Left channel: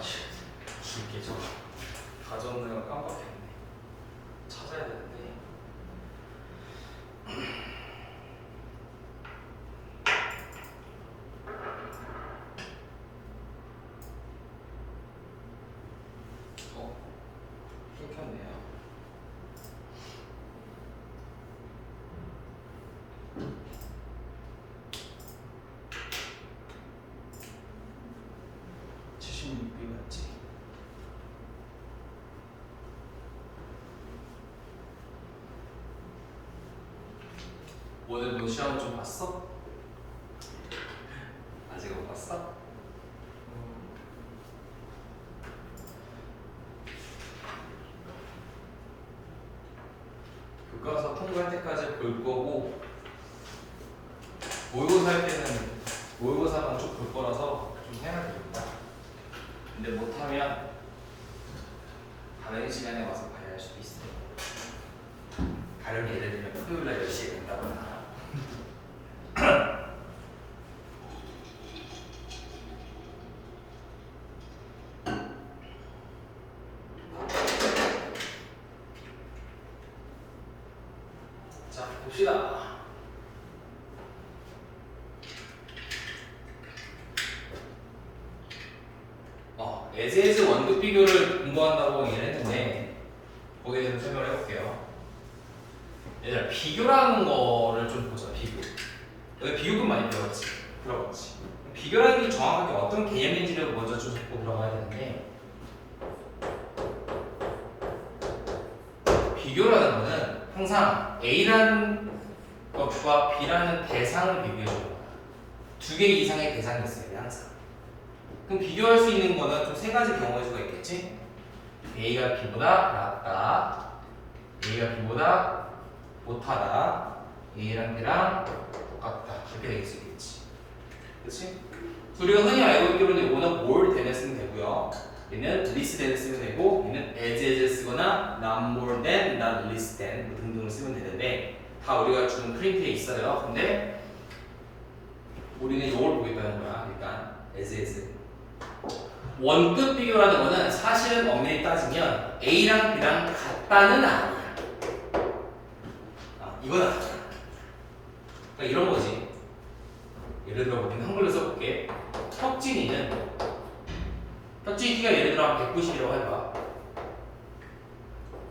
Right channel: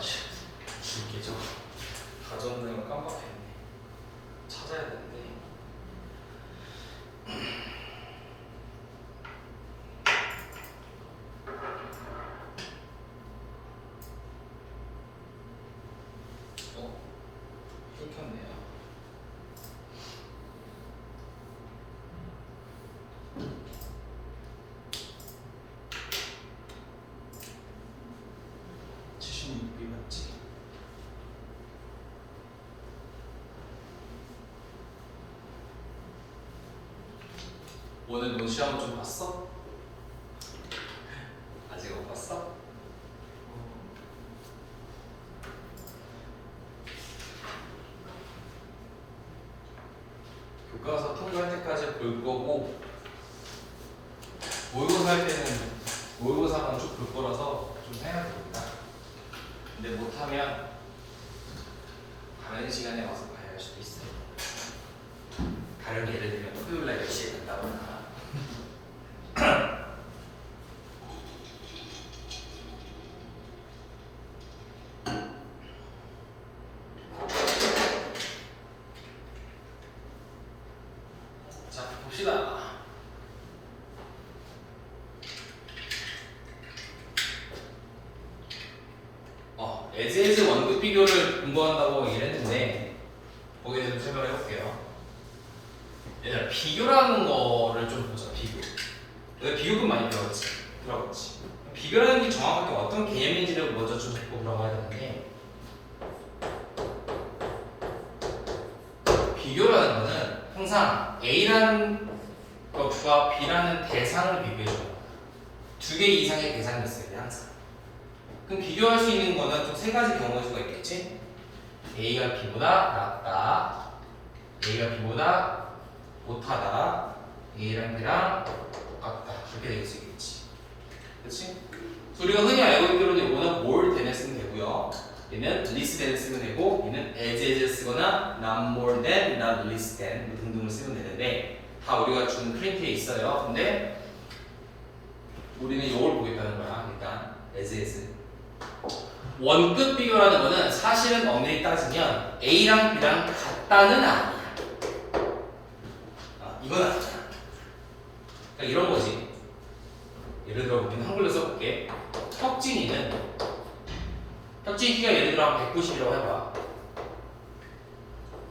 진짜 줄게죠. 다 적는 걸 깜빡했네. 찾아야 되는데. 끊겼네요. 맞지? 오늘 너 시험 좀 봤어? 아직 못 봤어? 교과서 통과할 때까지 볼 거고 모의고사 할 때는 모의고사만 쭉 볼 거라서 좀 해야 됩니다. 근데 못하면 다른 시간에 와서 봐야 할 수도 있어요. 다른 예를 들면 토요일날 10시에 간다거나. 자, 봅시다. 에즈에즈 원급 비교를 공부한다고 얘기했는데 거기에 대해서 설명을 해볼게요. 얘들아, 비교라는 거를 좀 보자. 비교. 너희 비교법 많이 배웠지? 들어봤지? 비교라는 게 정확하게 어떤 개념인지를 먼저 좀 잡고 들어가야 되는데, 비교라는 거는 항상 A라는 것과 B라는 대상을 비교해줘요. 두 개 이상의 대상이 있어야 돼, 항상. 그럼 비교할 수 있는 거는 좀 세 가지 경우일 수가 있겠지? A가 B보다 낫다, A가 B보다 못하다, A랑 B랑 똑같다, 그렇게 될 수 있겠지. 그치? 우리가 흔히 알고 있기로는 이거는 more than을 쓰면 되고요, 얘는 less than을 쓰면 되고, 얘는 as 쓰거나 not more than, not less than 뭐 등등을 쓰면 되는데 다 우리가 준 프린트에 있어요. 근데 우리는 이걸 보겠다는 거야. 일단 as 원급 비교라는 거는 사실은 엄밀히 따지면 A랑 B랑 같다는 아니야. 이건 아니야. 그러니까 이런 거지. 예를 들어 우리는 한글로 써볼게. 혁진이 키가 예를 들어 190이라고 해봐.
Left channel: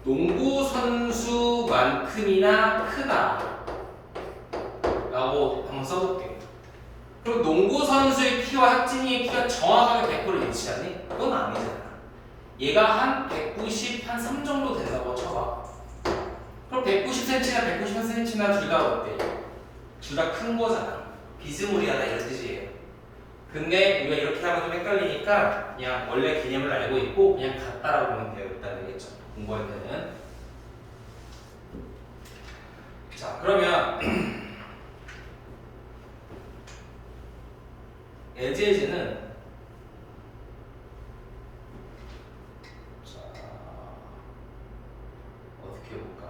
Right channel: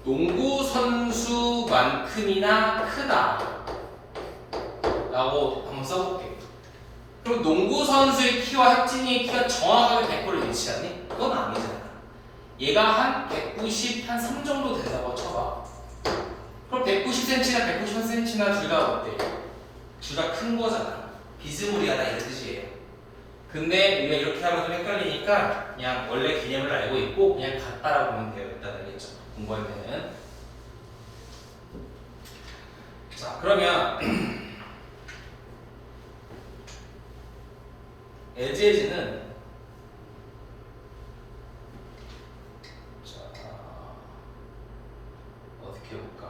농구 선수만큼이나 크다 라고 한번 써볼게. 그럼 농구 선수의 키와 혁진이의 키가 정확하게 100%를 일치하니? 그건 아니잖아. 얘가 한 190, 한 3 정도 된다고 쳐봐. 그럼 190cm나 191cm나 둘 다 어때? 둘 다 큰 거잖아. 비스무리하다 이런 뜻이에요. 근데 우리가 이렇게 하면 좀 헷갈리니까 그냥 원래 개념을 알고 있고 그냥 같다라고 보면 되겠다는 얘기죠. 공부할 때는. 자, 그러면 에즈는 자, 어떻게 해볼까?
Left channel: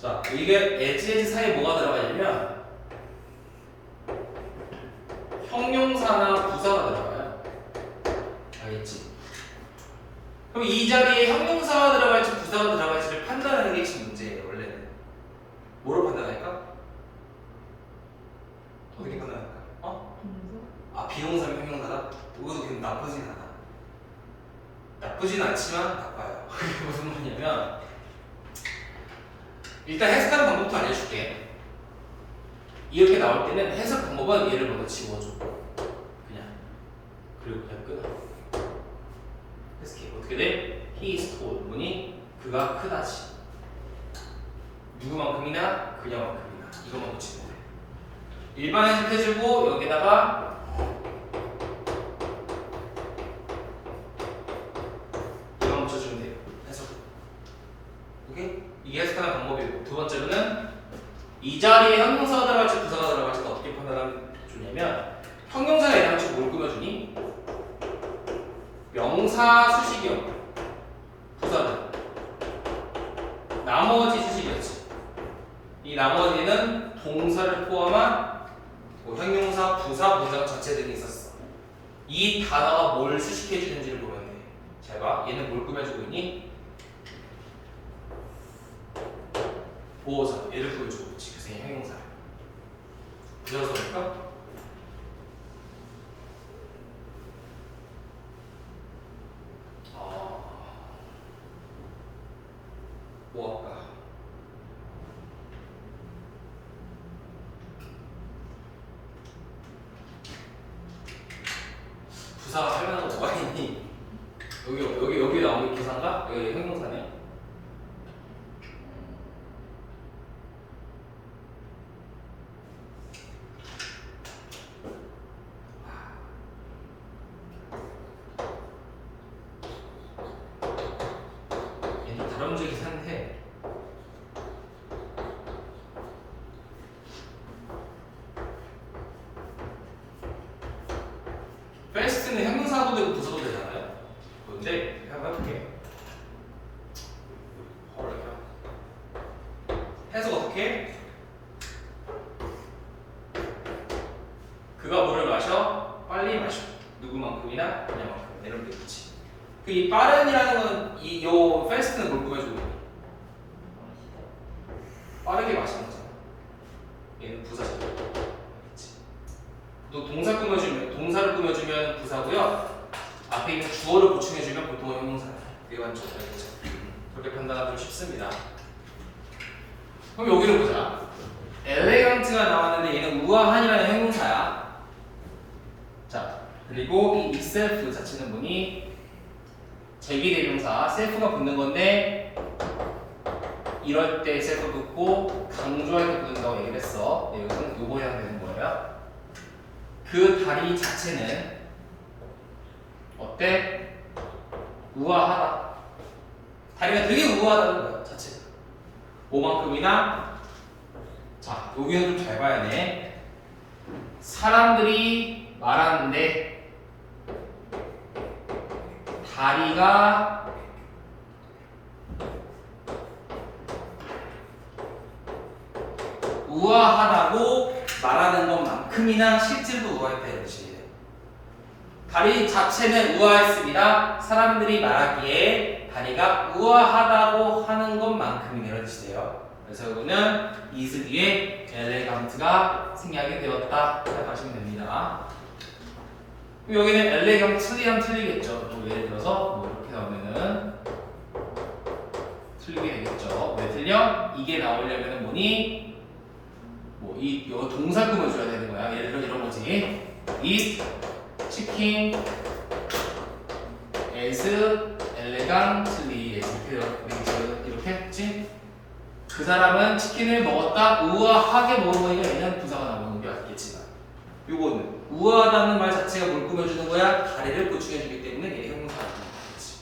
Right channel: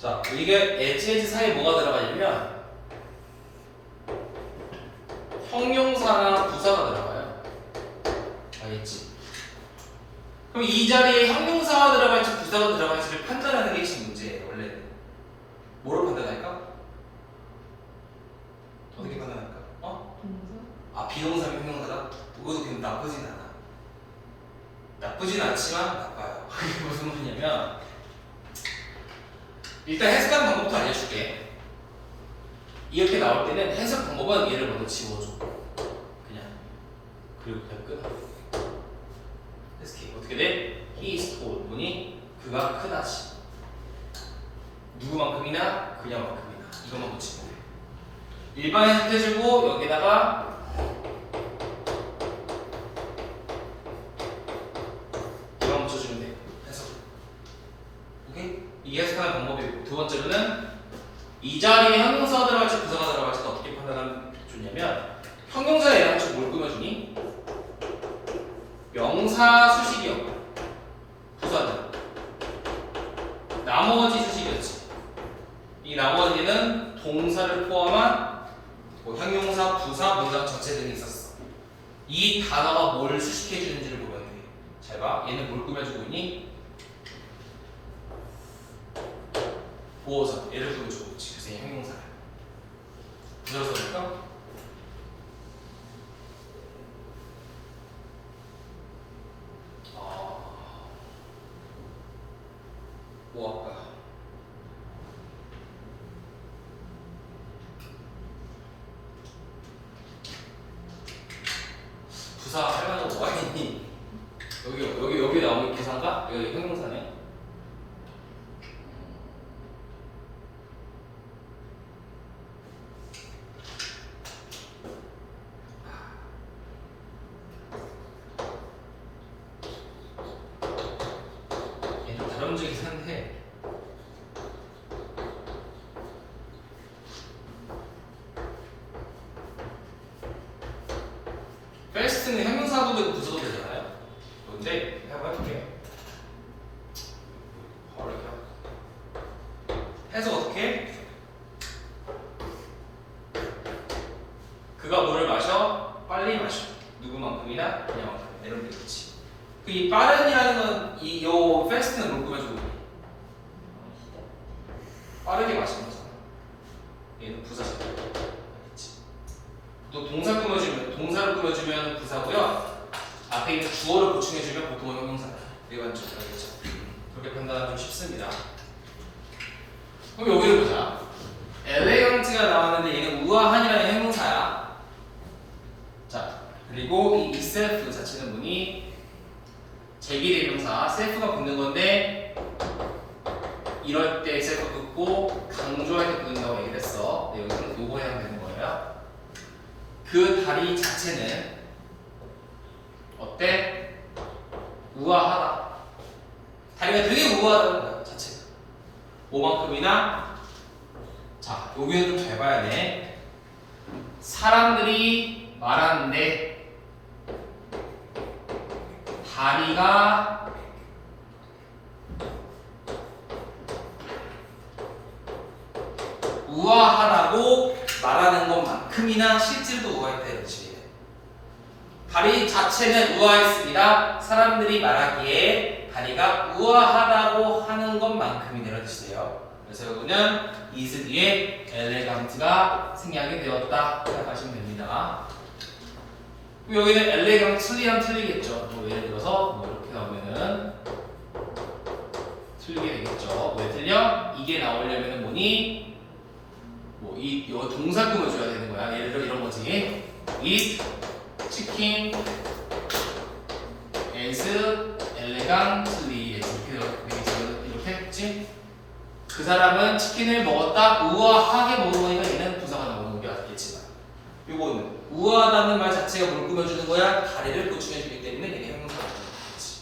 자, 이게 에즈 사이에 뭐가 들어가냐면 형용사나 부사가 들어가요. 알겠지? 그럼 이 자리에 형용사가 들어갈지 부사가 들어갈지를 판단하는 게 핵심 문제예요. 원래는 뭐로 판단할까? 어떻게 판단할까? 비동사면 형용사다? 그것도 그럼 나쁘진 않아. 나쁘진 않지만 나빠요. 그게 무슨 말이냐면 일단 해석하는 방법부터 알려줄게. 이렇게 나올 때는 해석 방법은 얘를 먼저 지워줘. 그냥. 그리고 그냥 끊어. 해석해. 어떻게 돼? He is tall. 뭐니? 그가 크다지. 누구만큼이나 그냥만큼이나. 이것만 붙이면 돼. 일반 해석해주고 여기다가 이만 붙여주면 돼요. 해석. 오케이? 이 해석하는 방법이 있고, 두 번째로는 이 자리에 형용사가 들어갈지 부사가 들어갈지 어떻게 판단하면 좋냐면 형용사에 해당치 뭘 꾸며주니? 명사 수식이었고 부사는 나머지 수식이었지. 이 나머지는 동사를 포함한 뭐 형용사, 부사, 문장 전체 등이 있었어. 이 단어가 뭘 수식해 주는지를 보면 돼. 잘 봐. 얘는 뭘 꾸며주고 있니? 보호자. 얘를 꾸며주고 있지. 그래서 얘 형용사야. 그대로 써볼까? 뭐 할까? 부사 할 만한 거 뭐가 있니? 여기 나오는 계산가? 여기 형용사네. 얘는 다른 문제긴 한데 first는 형용사도 되고 부사도 되잖아요. 뭔데? 한번 해볼게. 해서 어떻게? 그가 물을 마셔? 빨리 마셔. 누구만큼이나? 그냥만큼. 이런 게 있지. 그 이 빠른이라는 건 요 fast는 뭘 꾸며주고 있니? 빠르게 마시는 거잖아. 얘는 부사잖아. 그치? 또 동사를 꾸며주면 부사고요. 앞에 있는 주어를 보충해주면 보통 형용사야. 일반적으로 알겠죠? 그렇게 판단하기 좀 쉽습니다. 그럼 여기를 보자. 엘레강트가 나왔는데 얘는 우아한이라는 형용사야. 자, 그리고 이 itself 자체는 뭐니? 제비대명사 self가 붙는 건데 이럴 때 self 붙고 강조할 때 붙는다고 얘기를 했어. 네, 여기서는 요거 해당되는 거예요. 그 다리 자체는 어때? 우아하다. 다리가 되게 우아하다는 거야, 자체가. 뭐만큼이나? 자, 여기는 좀 잘 봐야 돼. 사람들이 말하는데 다리가 우아하다고 말하는 것만큼이나 실질도 우아했다는 뜻이에요. 다리 자체는 우아했습니다. 사람들이 말하기에 다리가 우아하다고 하는 것만큼이나 이런 뜻이에요. 그래서 여기는 is 뒤에 엘레강트가 생략이 되었다 생각하시면 됩니다. 그럼 여기는 엘레강트리랑 틀리겠죠. 뭐 예를 들어서 뭐 이렇게 나오면은 틀리게 되겠죠. 왜 틀려? 이게 나오려면은 뭐니? 뭐 이 동사 꾸며줘야 되는 거야. 예를 들어 이런 거지. Eat chicken as elegantly 이렇게 했지. 그 사람은 치킨을 먹었다. 우아하게 먹은 거니까 얘는 부사가 나오는 게 맞겠지만 요거는 우아하다는 말 자체가 뭘 꾸며주는 거야? 다리를 보충해주기 때문에 얘는 형용사가 되겠지.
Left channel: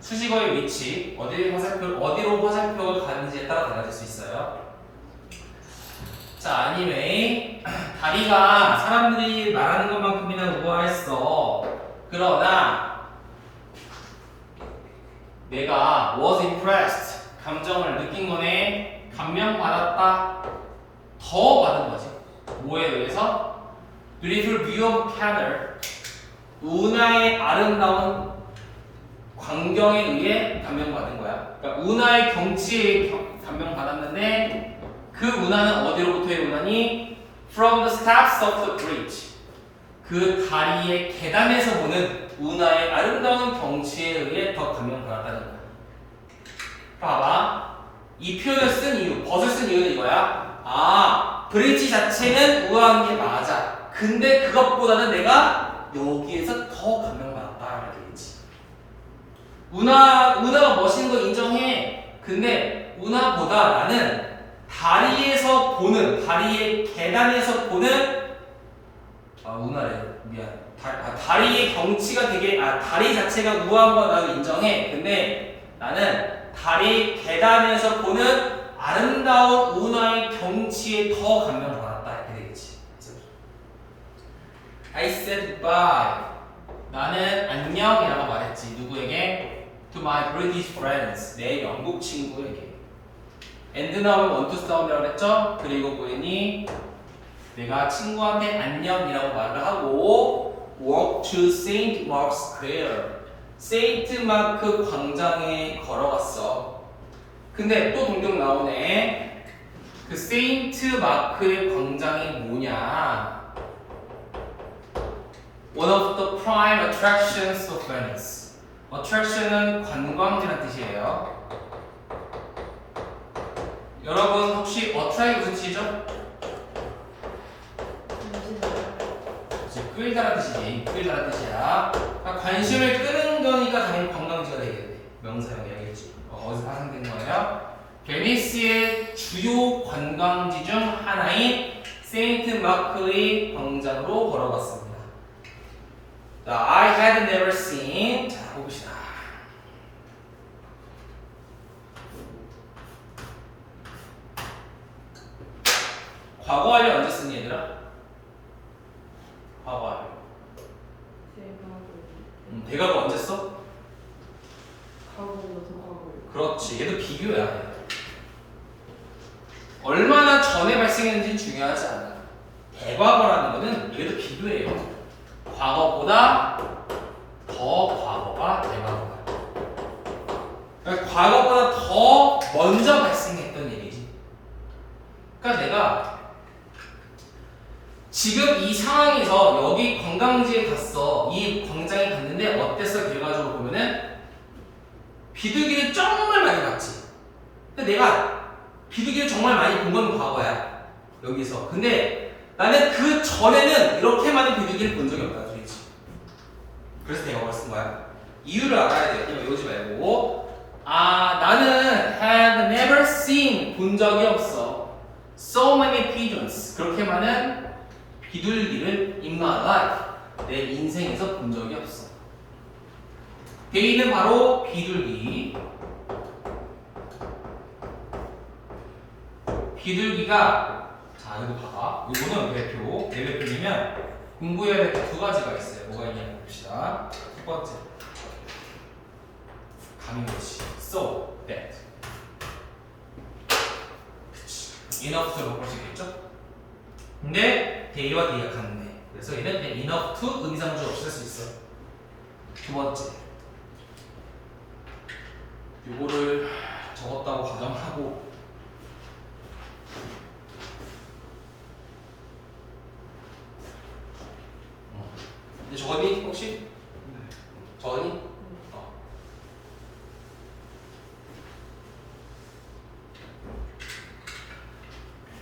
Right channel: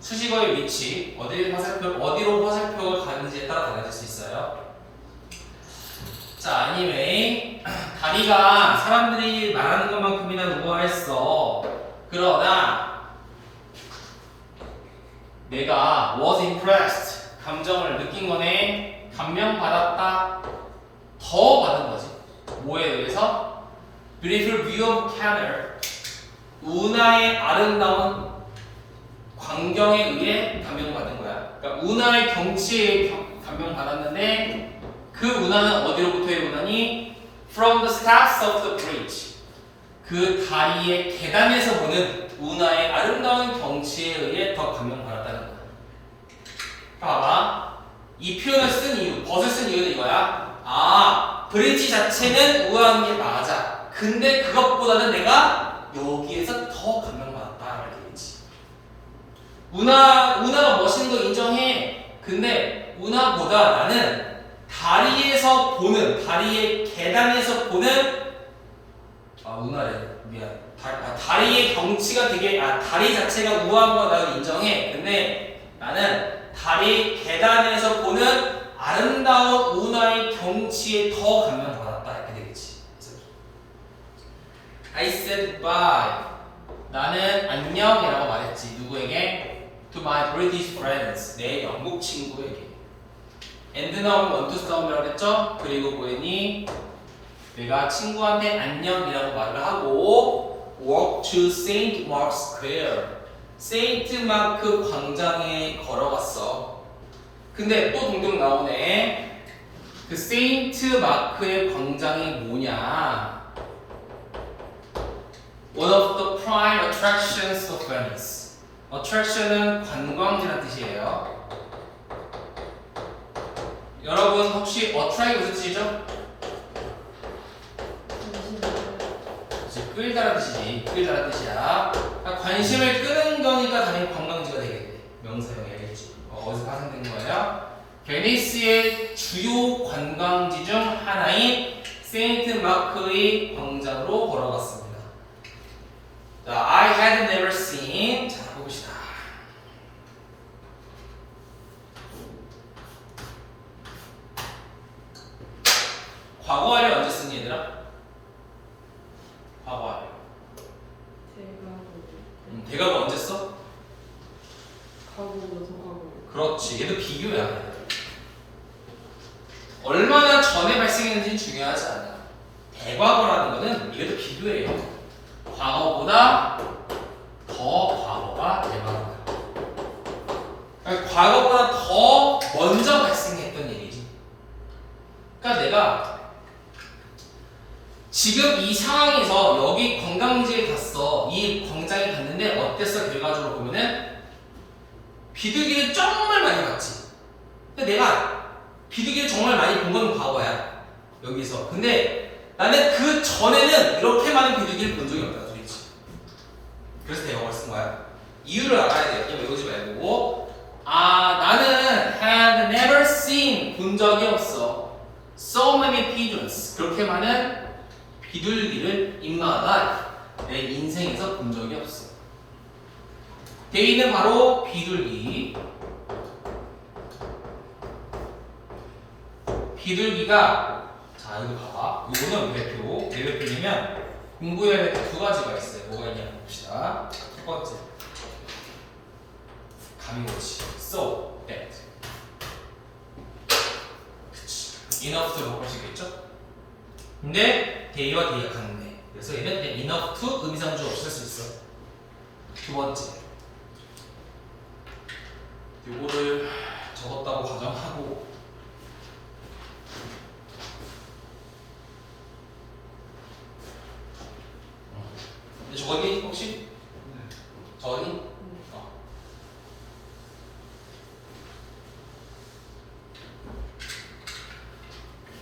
수식어의 위치, 어디로 화살표가 가는지에 따라 달라질 수 있어요. 자, anyway, 다리가 사람들이 말하는 것만큼이나 우아했어. 그러나 내가 was impressed, 감정을 느낀 거네. 감명받았다. 더 받은 거지. 뭐에 의해서? Beautiful view of Canada, 운하의 아름다운 광경에 의해 감명받은 거야. 그러니까 운하의 경치에 감명받았는데 그 운하는 어디로부터의 운하니? From the steps of the bridge. 그 다리의 계단에서 보는 운하의 아름다운 경치에 의해 더 감명받았다는 거야. 봐봐. 이 표현을 쓴 이유, 벗을 쓴 이유는 이거야. 아, 브릿지 자체는 우아한 게 맞아. 근데 그것보다는 내가 여기에서 더 감명받았다라는 얘기지. 운하가 멋있는 거 인정해. 근데 운하보다 나는 다리에서 보는, 다리의 계단에서 보는, 운하래. 미안. 다리의 경치가 되게, 다리 자체가 우아한 거 나도 인정해. 근데 나는 다리 계단에서 보는 아름다운 운하의 경치에 더 감명받았다. 이렇게 되겠지. I said goodbye. 나는 안녕이라고 말했지. 누구에게? To my British friends. 내 영국 친구에게. and 나오면 want to 싸움이라고 했죠? 그리고 보이니 내가 친구한테 안녕이라고 말을 하고 walk to Saint Mark's Square. 세인트 마크 광장에 걸어갔어. 근데 또 동동 나오네. 그 세인트 마크의 광장이 뭐냐? One of the prime attractions of Venice. attraction은 관광지라는 뜻이에요. 여러분 혹시 attract 무슨 뜻이죠? 끌다라는 뜻이지. 끌다라는 뜻이야. 그러니까 관심을 끄는 거니까 당연히 관광지가 되겠네. 명사용해야겠지. 어디서 파생된 거예요? 베니스의 주요 관광지 중 하나인 세인트 마크의 광장으로 걸어갔습니다. 자, I had never seen. 자, 봅시다. 과거를 언제 쓰니 얘들아? 과거를. 대가가 언제 써? 그렇지. 얘도 비교야. 얼마나 전에 발생했는지 중요하지 않아. 대과거라는 거는 얘도 비교예요. 과거보다 더 과거가 대과거야. 그러니까 과거보다 더 먼저 발생했던 일이지. 그러니까 내가 지금 이 상황에서 여기 관광지에 갔어. 이 광장에 갔는데 어땠어? 결과적으로 보면은 비둘기를 정말 많이 봤지. 근데 내가 비둘기를 정말 많이 본 건 과거야. 여기서. 근데 나는 그 전에는 이렇게 많은 비둘기를 본 적이 없다. 소리지. 그래서 대화를 쓴 거야. 이유를 알아야 돼. 이거 외우지 말고. 아, 나는 had never seen 본 적이 없어. So many pigeons. 그렇게 많은 비둘기를 in my life. 내 인생에서 본 적이 없어. 데이는 바로 비둘기. 비둘기가 자 이거 봐봐. 이거는 외표. 외표이면 공부해야 될 두 가지가 있어요. 뭐가 있냐 봅시다. 첫 번째 가민고치. So that. 그치. enough to 바꿀 수 있겠죠? 근데 데이와 데이가 같네. 그래서 얘는 그냥 enough to 의미상주 없이 쓸 수 있어. 두 번째. 요거를 적었다고 가정하고 근데 적었니? 혹시? 네. 적었니?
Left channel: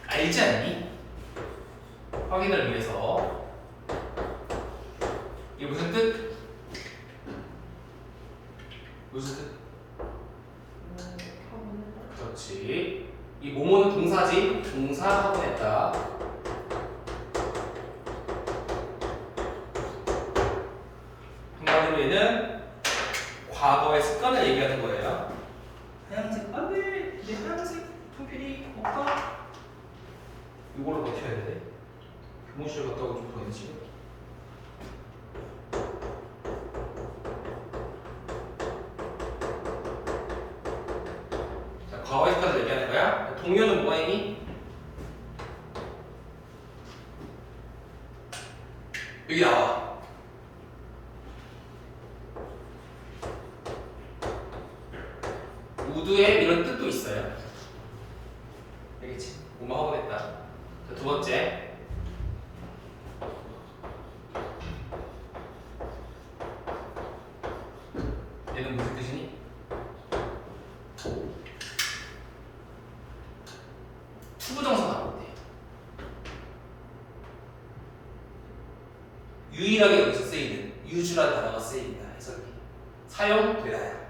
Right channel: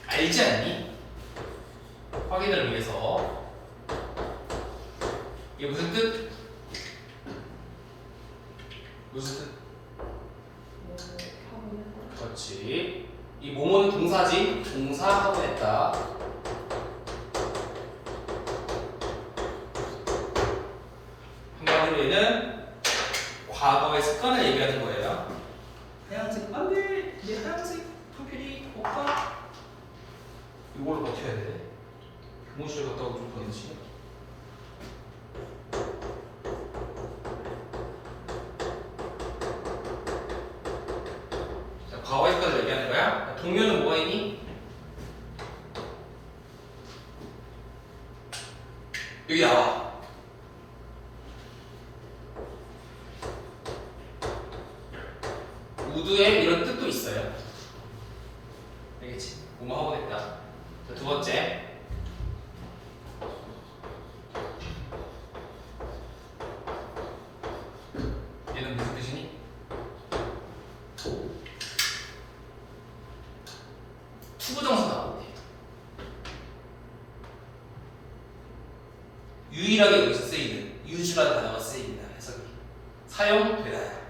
알지 않니? 확인을 위해서 이게 무슨 뜻? 무슨 뜻? 그렇지. 이 뭐뭐는 동사지. 동사 확인했다. 한마디로 얘는 과거의 습관을 얘기하는 거예요. 하얀색 안돼. 내 하얀색 프로필이 없다. 이걸로 버텨야 돼. 교무실 갔다 오고 좀 보내지. 자, 과거의 습관을 얘기하는 거야. 동료는 뭐가 있니? 여기 나와. 우드에 이런 뜻도 있어요. 알겠지? 뭐뭐 하고 됐다. 자, 두 번째. 얘는 무슨 뜻이니? 투부정사 나오네. 유일하게 여기서 쓰이는 유주라는 단어가 쓰입니다. 해석이 사용되나요?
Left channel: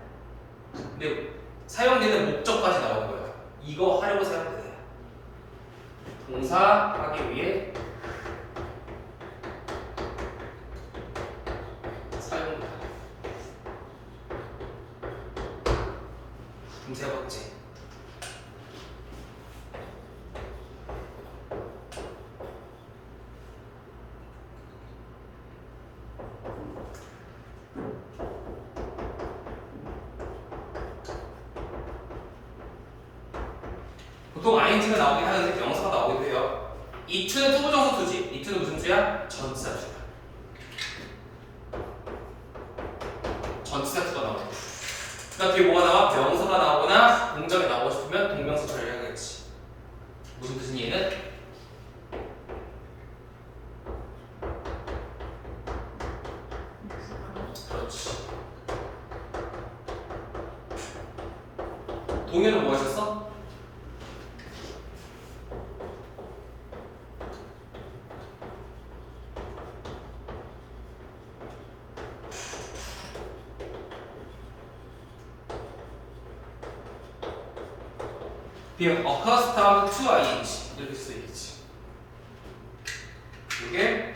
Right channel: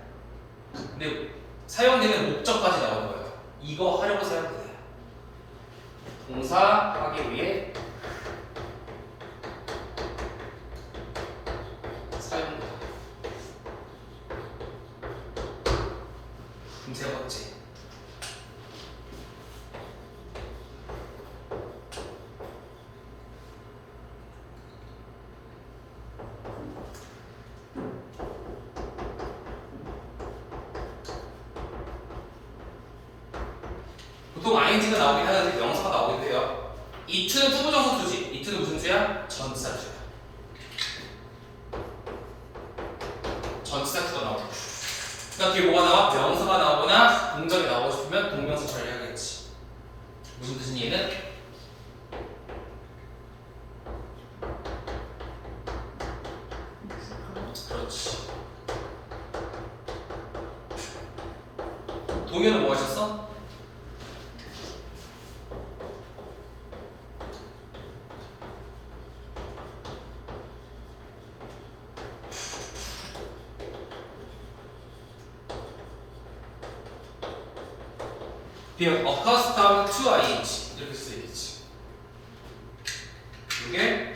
근데 사용되는 목적까지 나오는 거야. 이거 하려고 사용되나요? 동사 하기 위해 사용되다. 그럼 세 번째. 보통 ing가 나오긴 하는데 명사가 나오기도 해요. 이 to는 투부정사 투지. 이 to는 무슨 수야? 전치사 투야. 전치사 투가 나오고. 그다음 뒤에 뭐가 나와? 명사가 나오거나 동작이 나오고 싶으면 동명사 처리하겠지. 무슨 뜻이니 얘는? 그렇지. 동현은 뭐 하셨어? being accustomed to ing 이렇게 쓰이겠지. 이게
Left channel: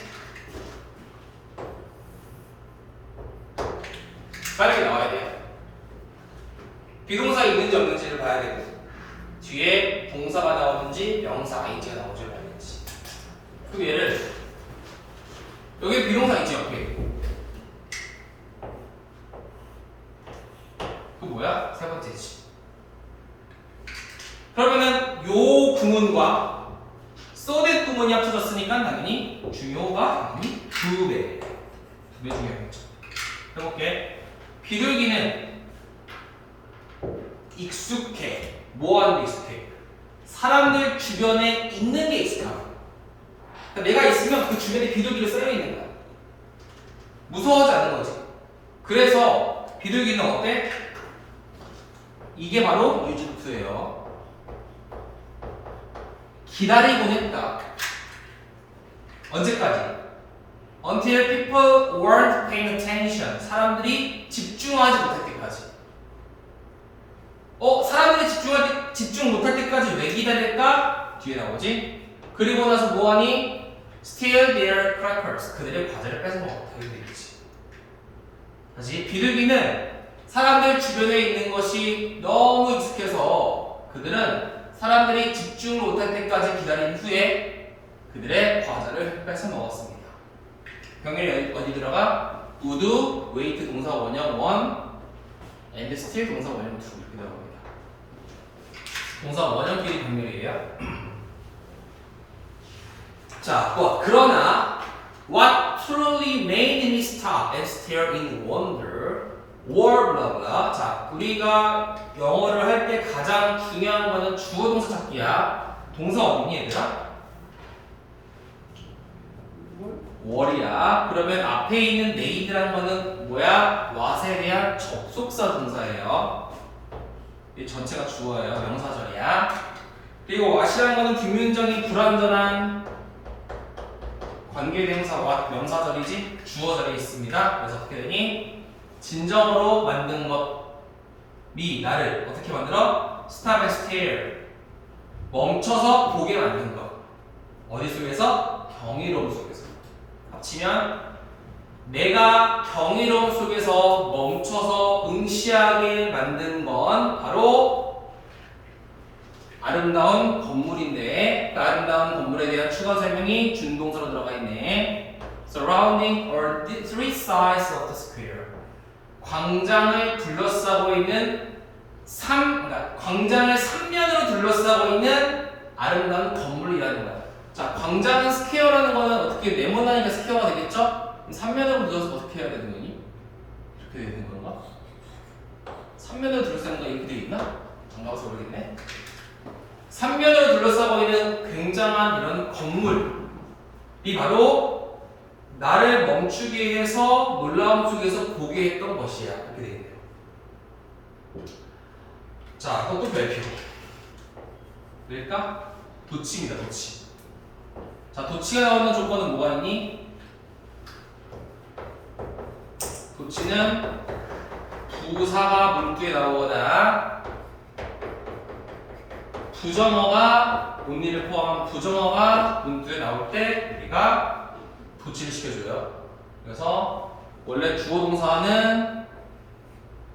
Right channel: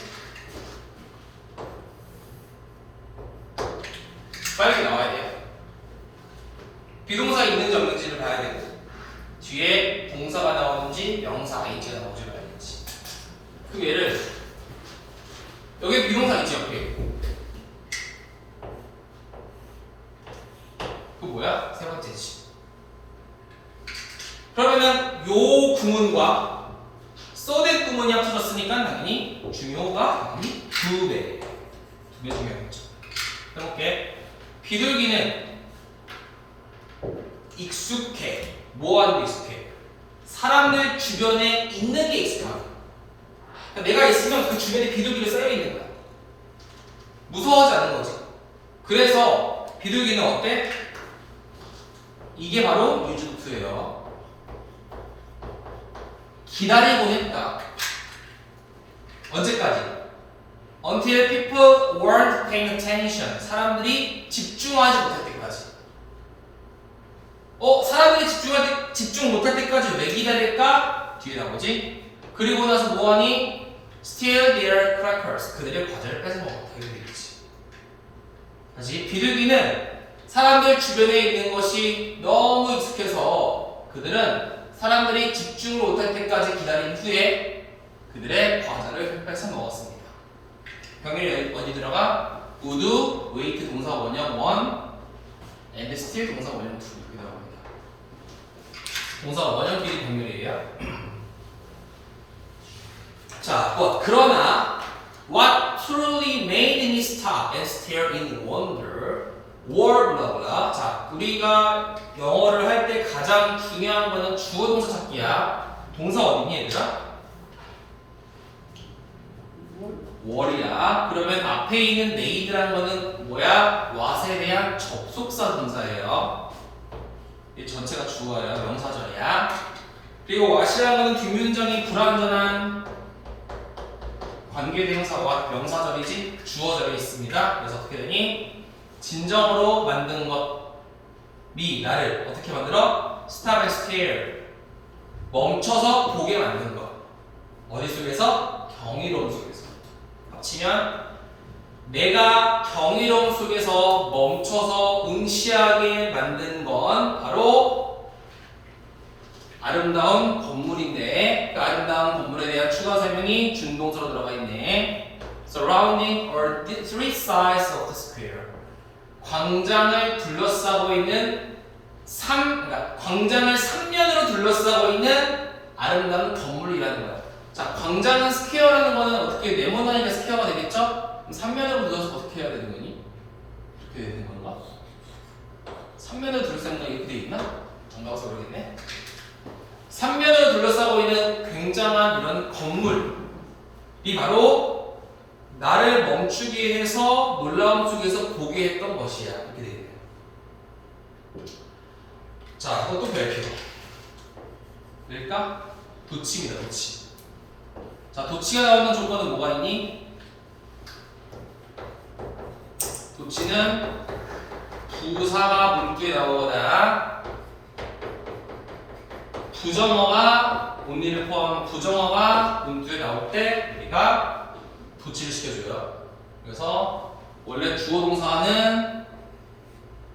빨리 나와야 돼요. 비동사 있는지 없는지를 봐야 되고 뒤에 동사가 나오는지 명사 ing가 나오는지 봐야겠지. 그럼 얘를 여기 비동사 있지 옆에. 그 뭐야? 세 번째지. 그러면은 요 구문과 써댓 구문이 합쳐졌으니까 당연히 중요가 당연히 두 배 중요하겠죠. 해볼게. 비둘기는 익숙해. 뭐 하는 게 익숙해? 사람들 주변에 있는 게 익숙하고. 그러니까 내가 있으면 그 주변에 비둘기가 쌓여 있는 거야. 무서워하지 않는 거지. 그래서 비둘기는 어때? 이게 바로 유즈투예요. 기다리고 했다. 언제까지? Until people weren't paying attention. 사람들이 집중하지 못할 때까지. 사람들이 집중 못할 때까지 왜 기다릴까? 뒤에 나오지. 그리고 나서 뭐하니? Steal their crackers. 그들의 과자를 뺏어먹었다. 이렇게 되겠지. 다시 비둘기는 사람들 주변에 있는 것이 너무 익숙해서 그들은 사람들이 집중을 못할 때까지 기다린 후에 그들의 과자를 뺏어 먹었습니다. 병렬이 어디 들어가? would, wait 동사 원형 1, and still 동사 원형 2 이렇게 나옵니다. 동사 원형끼리 병렬이에요. 자, 그러나 what truly made me stop and stare in wonder were blah blah. 자, 우리가 영어를 할 때 가장 중요한 거는 주어 동사 찾기야. 동사 어디니 얘들아? were이야. 그러면 앞에 있는 made란 거는 뭐야? what에 대한 접속사 동사예요. 이 전체가 주어예요. 명사절이야. 그리고 what이라는 거는 뒷문장이 불완전한 관계대명사와 명사절이지 주어절에 있습니다. 그래서 어떻게 되니? 진정으로 만든 것이 나를 어떻게 만들어? Stop and stare. 멈춰서 보게 만든 것. 어디 속에서? 경이로움 속에서. 합치면 내가 경이로움 속에서 멈춰서 응시하게 만든 건 바로 아름다운 건물인데 그 아름다운 건물에 대한 추가 설명이 준동사로 들어가 있네. Surrounding or three sides of the square. 광장을 둘러싸고 있는 그러니까 광장을 3면으로 둘러싸고 있는 아름다운 건물이라는 거야. 자, 광장은 스퀘어라는 거는 어떻게 네모나니까 스퀘어가 되겠죠? 그럼 3면으로 둘러서 어떻게 해야 되는 거니? 이렇게 되는 건가? 3면으로 둘러싸는 거 이렇게 돼 있나? 정가서 모르겠네. 3면으로 둘러싸고 있는 굉장한 이런 건물이 바로 나를 멈추게 해서 놀라움 속에서 보게 했던 것이야. 이렇게 되겠네요. 자, 그것도 별표. 뭘까? 도치입니다. 도치. 자, 도치가 나오는 조건은 뭐가 있니? 도치는 부사가 문구에 나오거나 부정어가 only를 포함한 부정어가 문구에 나올 때 우리가 도치를 시켜줘요. 그래서 원래 주어 동사는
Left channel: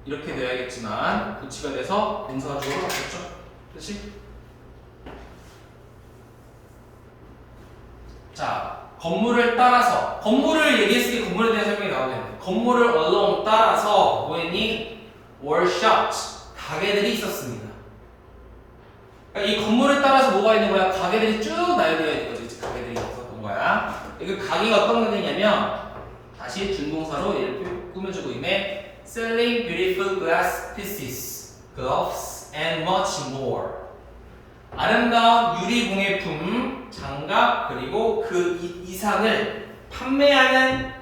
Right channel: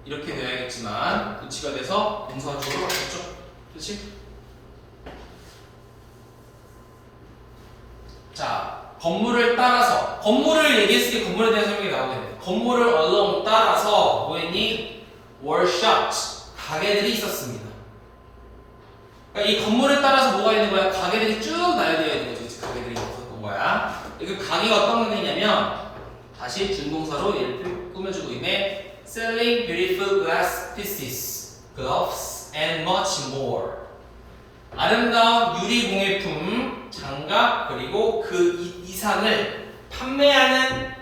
이렇게 되어야겠지만 도치가 돼서 동사 주어로 바뀌었죠. 그렇지? 자, 건물을 따라서 건물을 얘기했으니 건물에 대한 설명이 나오겠네. 건물을 along 따라서 뭐했니? were shops 가게들이 있었습니다. 그러니까 이 건물을 따라서 뭐가 있는 거야? 가게들이 쭉 나열되어 있는 거지. 가게들이 있었던 거야. 그 가게가 어떤 가게냐면 다시 준동사로 얘를 꾸며주고 있네. Selling beautiful glass pieces, gloves, and much more. 아름다운 유리공예품, 장갑, 그리고 그 이상을 판매하는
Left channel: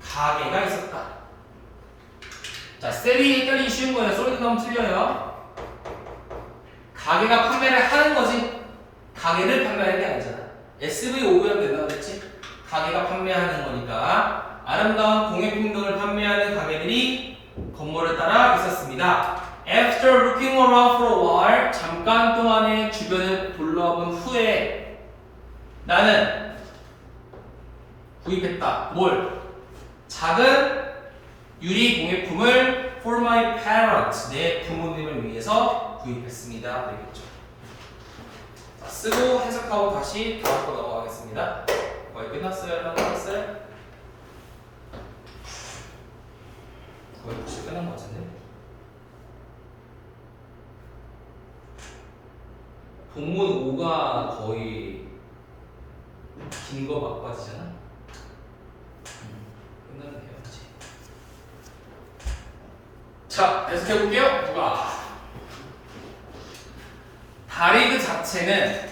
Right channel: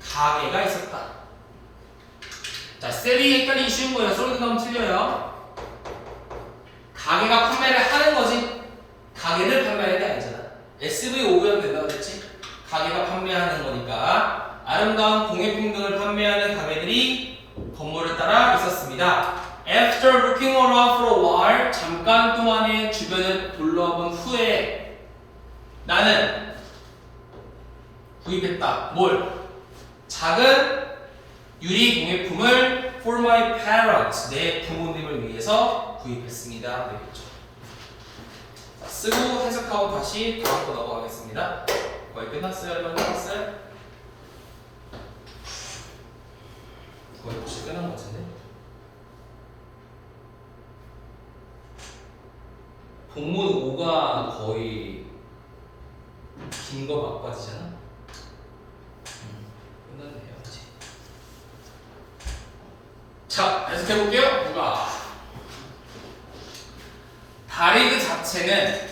가게가 있었다. 자, 셀이 헷갈리기 쉬운 거예요. 솔딩 하면 틀려요. 가게가 판매를 하는 거지 가게를 판매하는 게 아니잖아. SV 오면 된다고 그랬지? 가게가 판매하는 거니까 아름다운 공예품 등을 판매하는 가게들이 건물을 따라 있었습니다. After looking around for a while, 잠깐 동안의 주변을 둘러본 후에 나는 구입했다. 뭘? 작은 유리 공예품을 for my parents, 내 부모님을 위해서 구입했습니다. 되겠죠. 쓰고 해석하고 다시 다음으로 넘어가겠습니다. 거의 끝났어요? 얼마 끝났어요? 거의 혹시 끝난 것 같은데? 본문 5가 거의 긴 거 막바지잖아? 끝났네요, 이제. 자, 해석해볼게요. 누가? 다리 그 자체는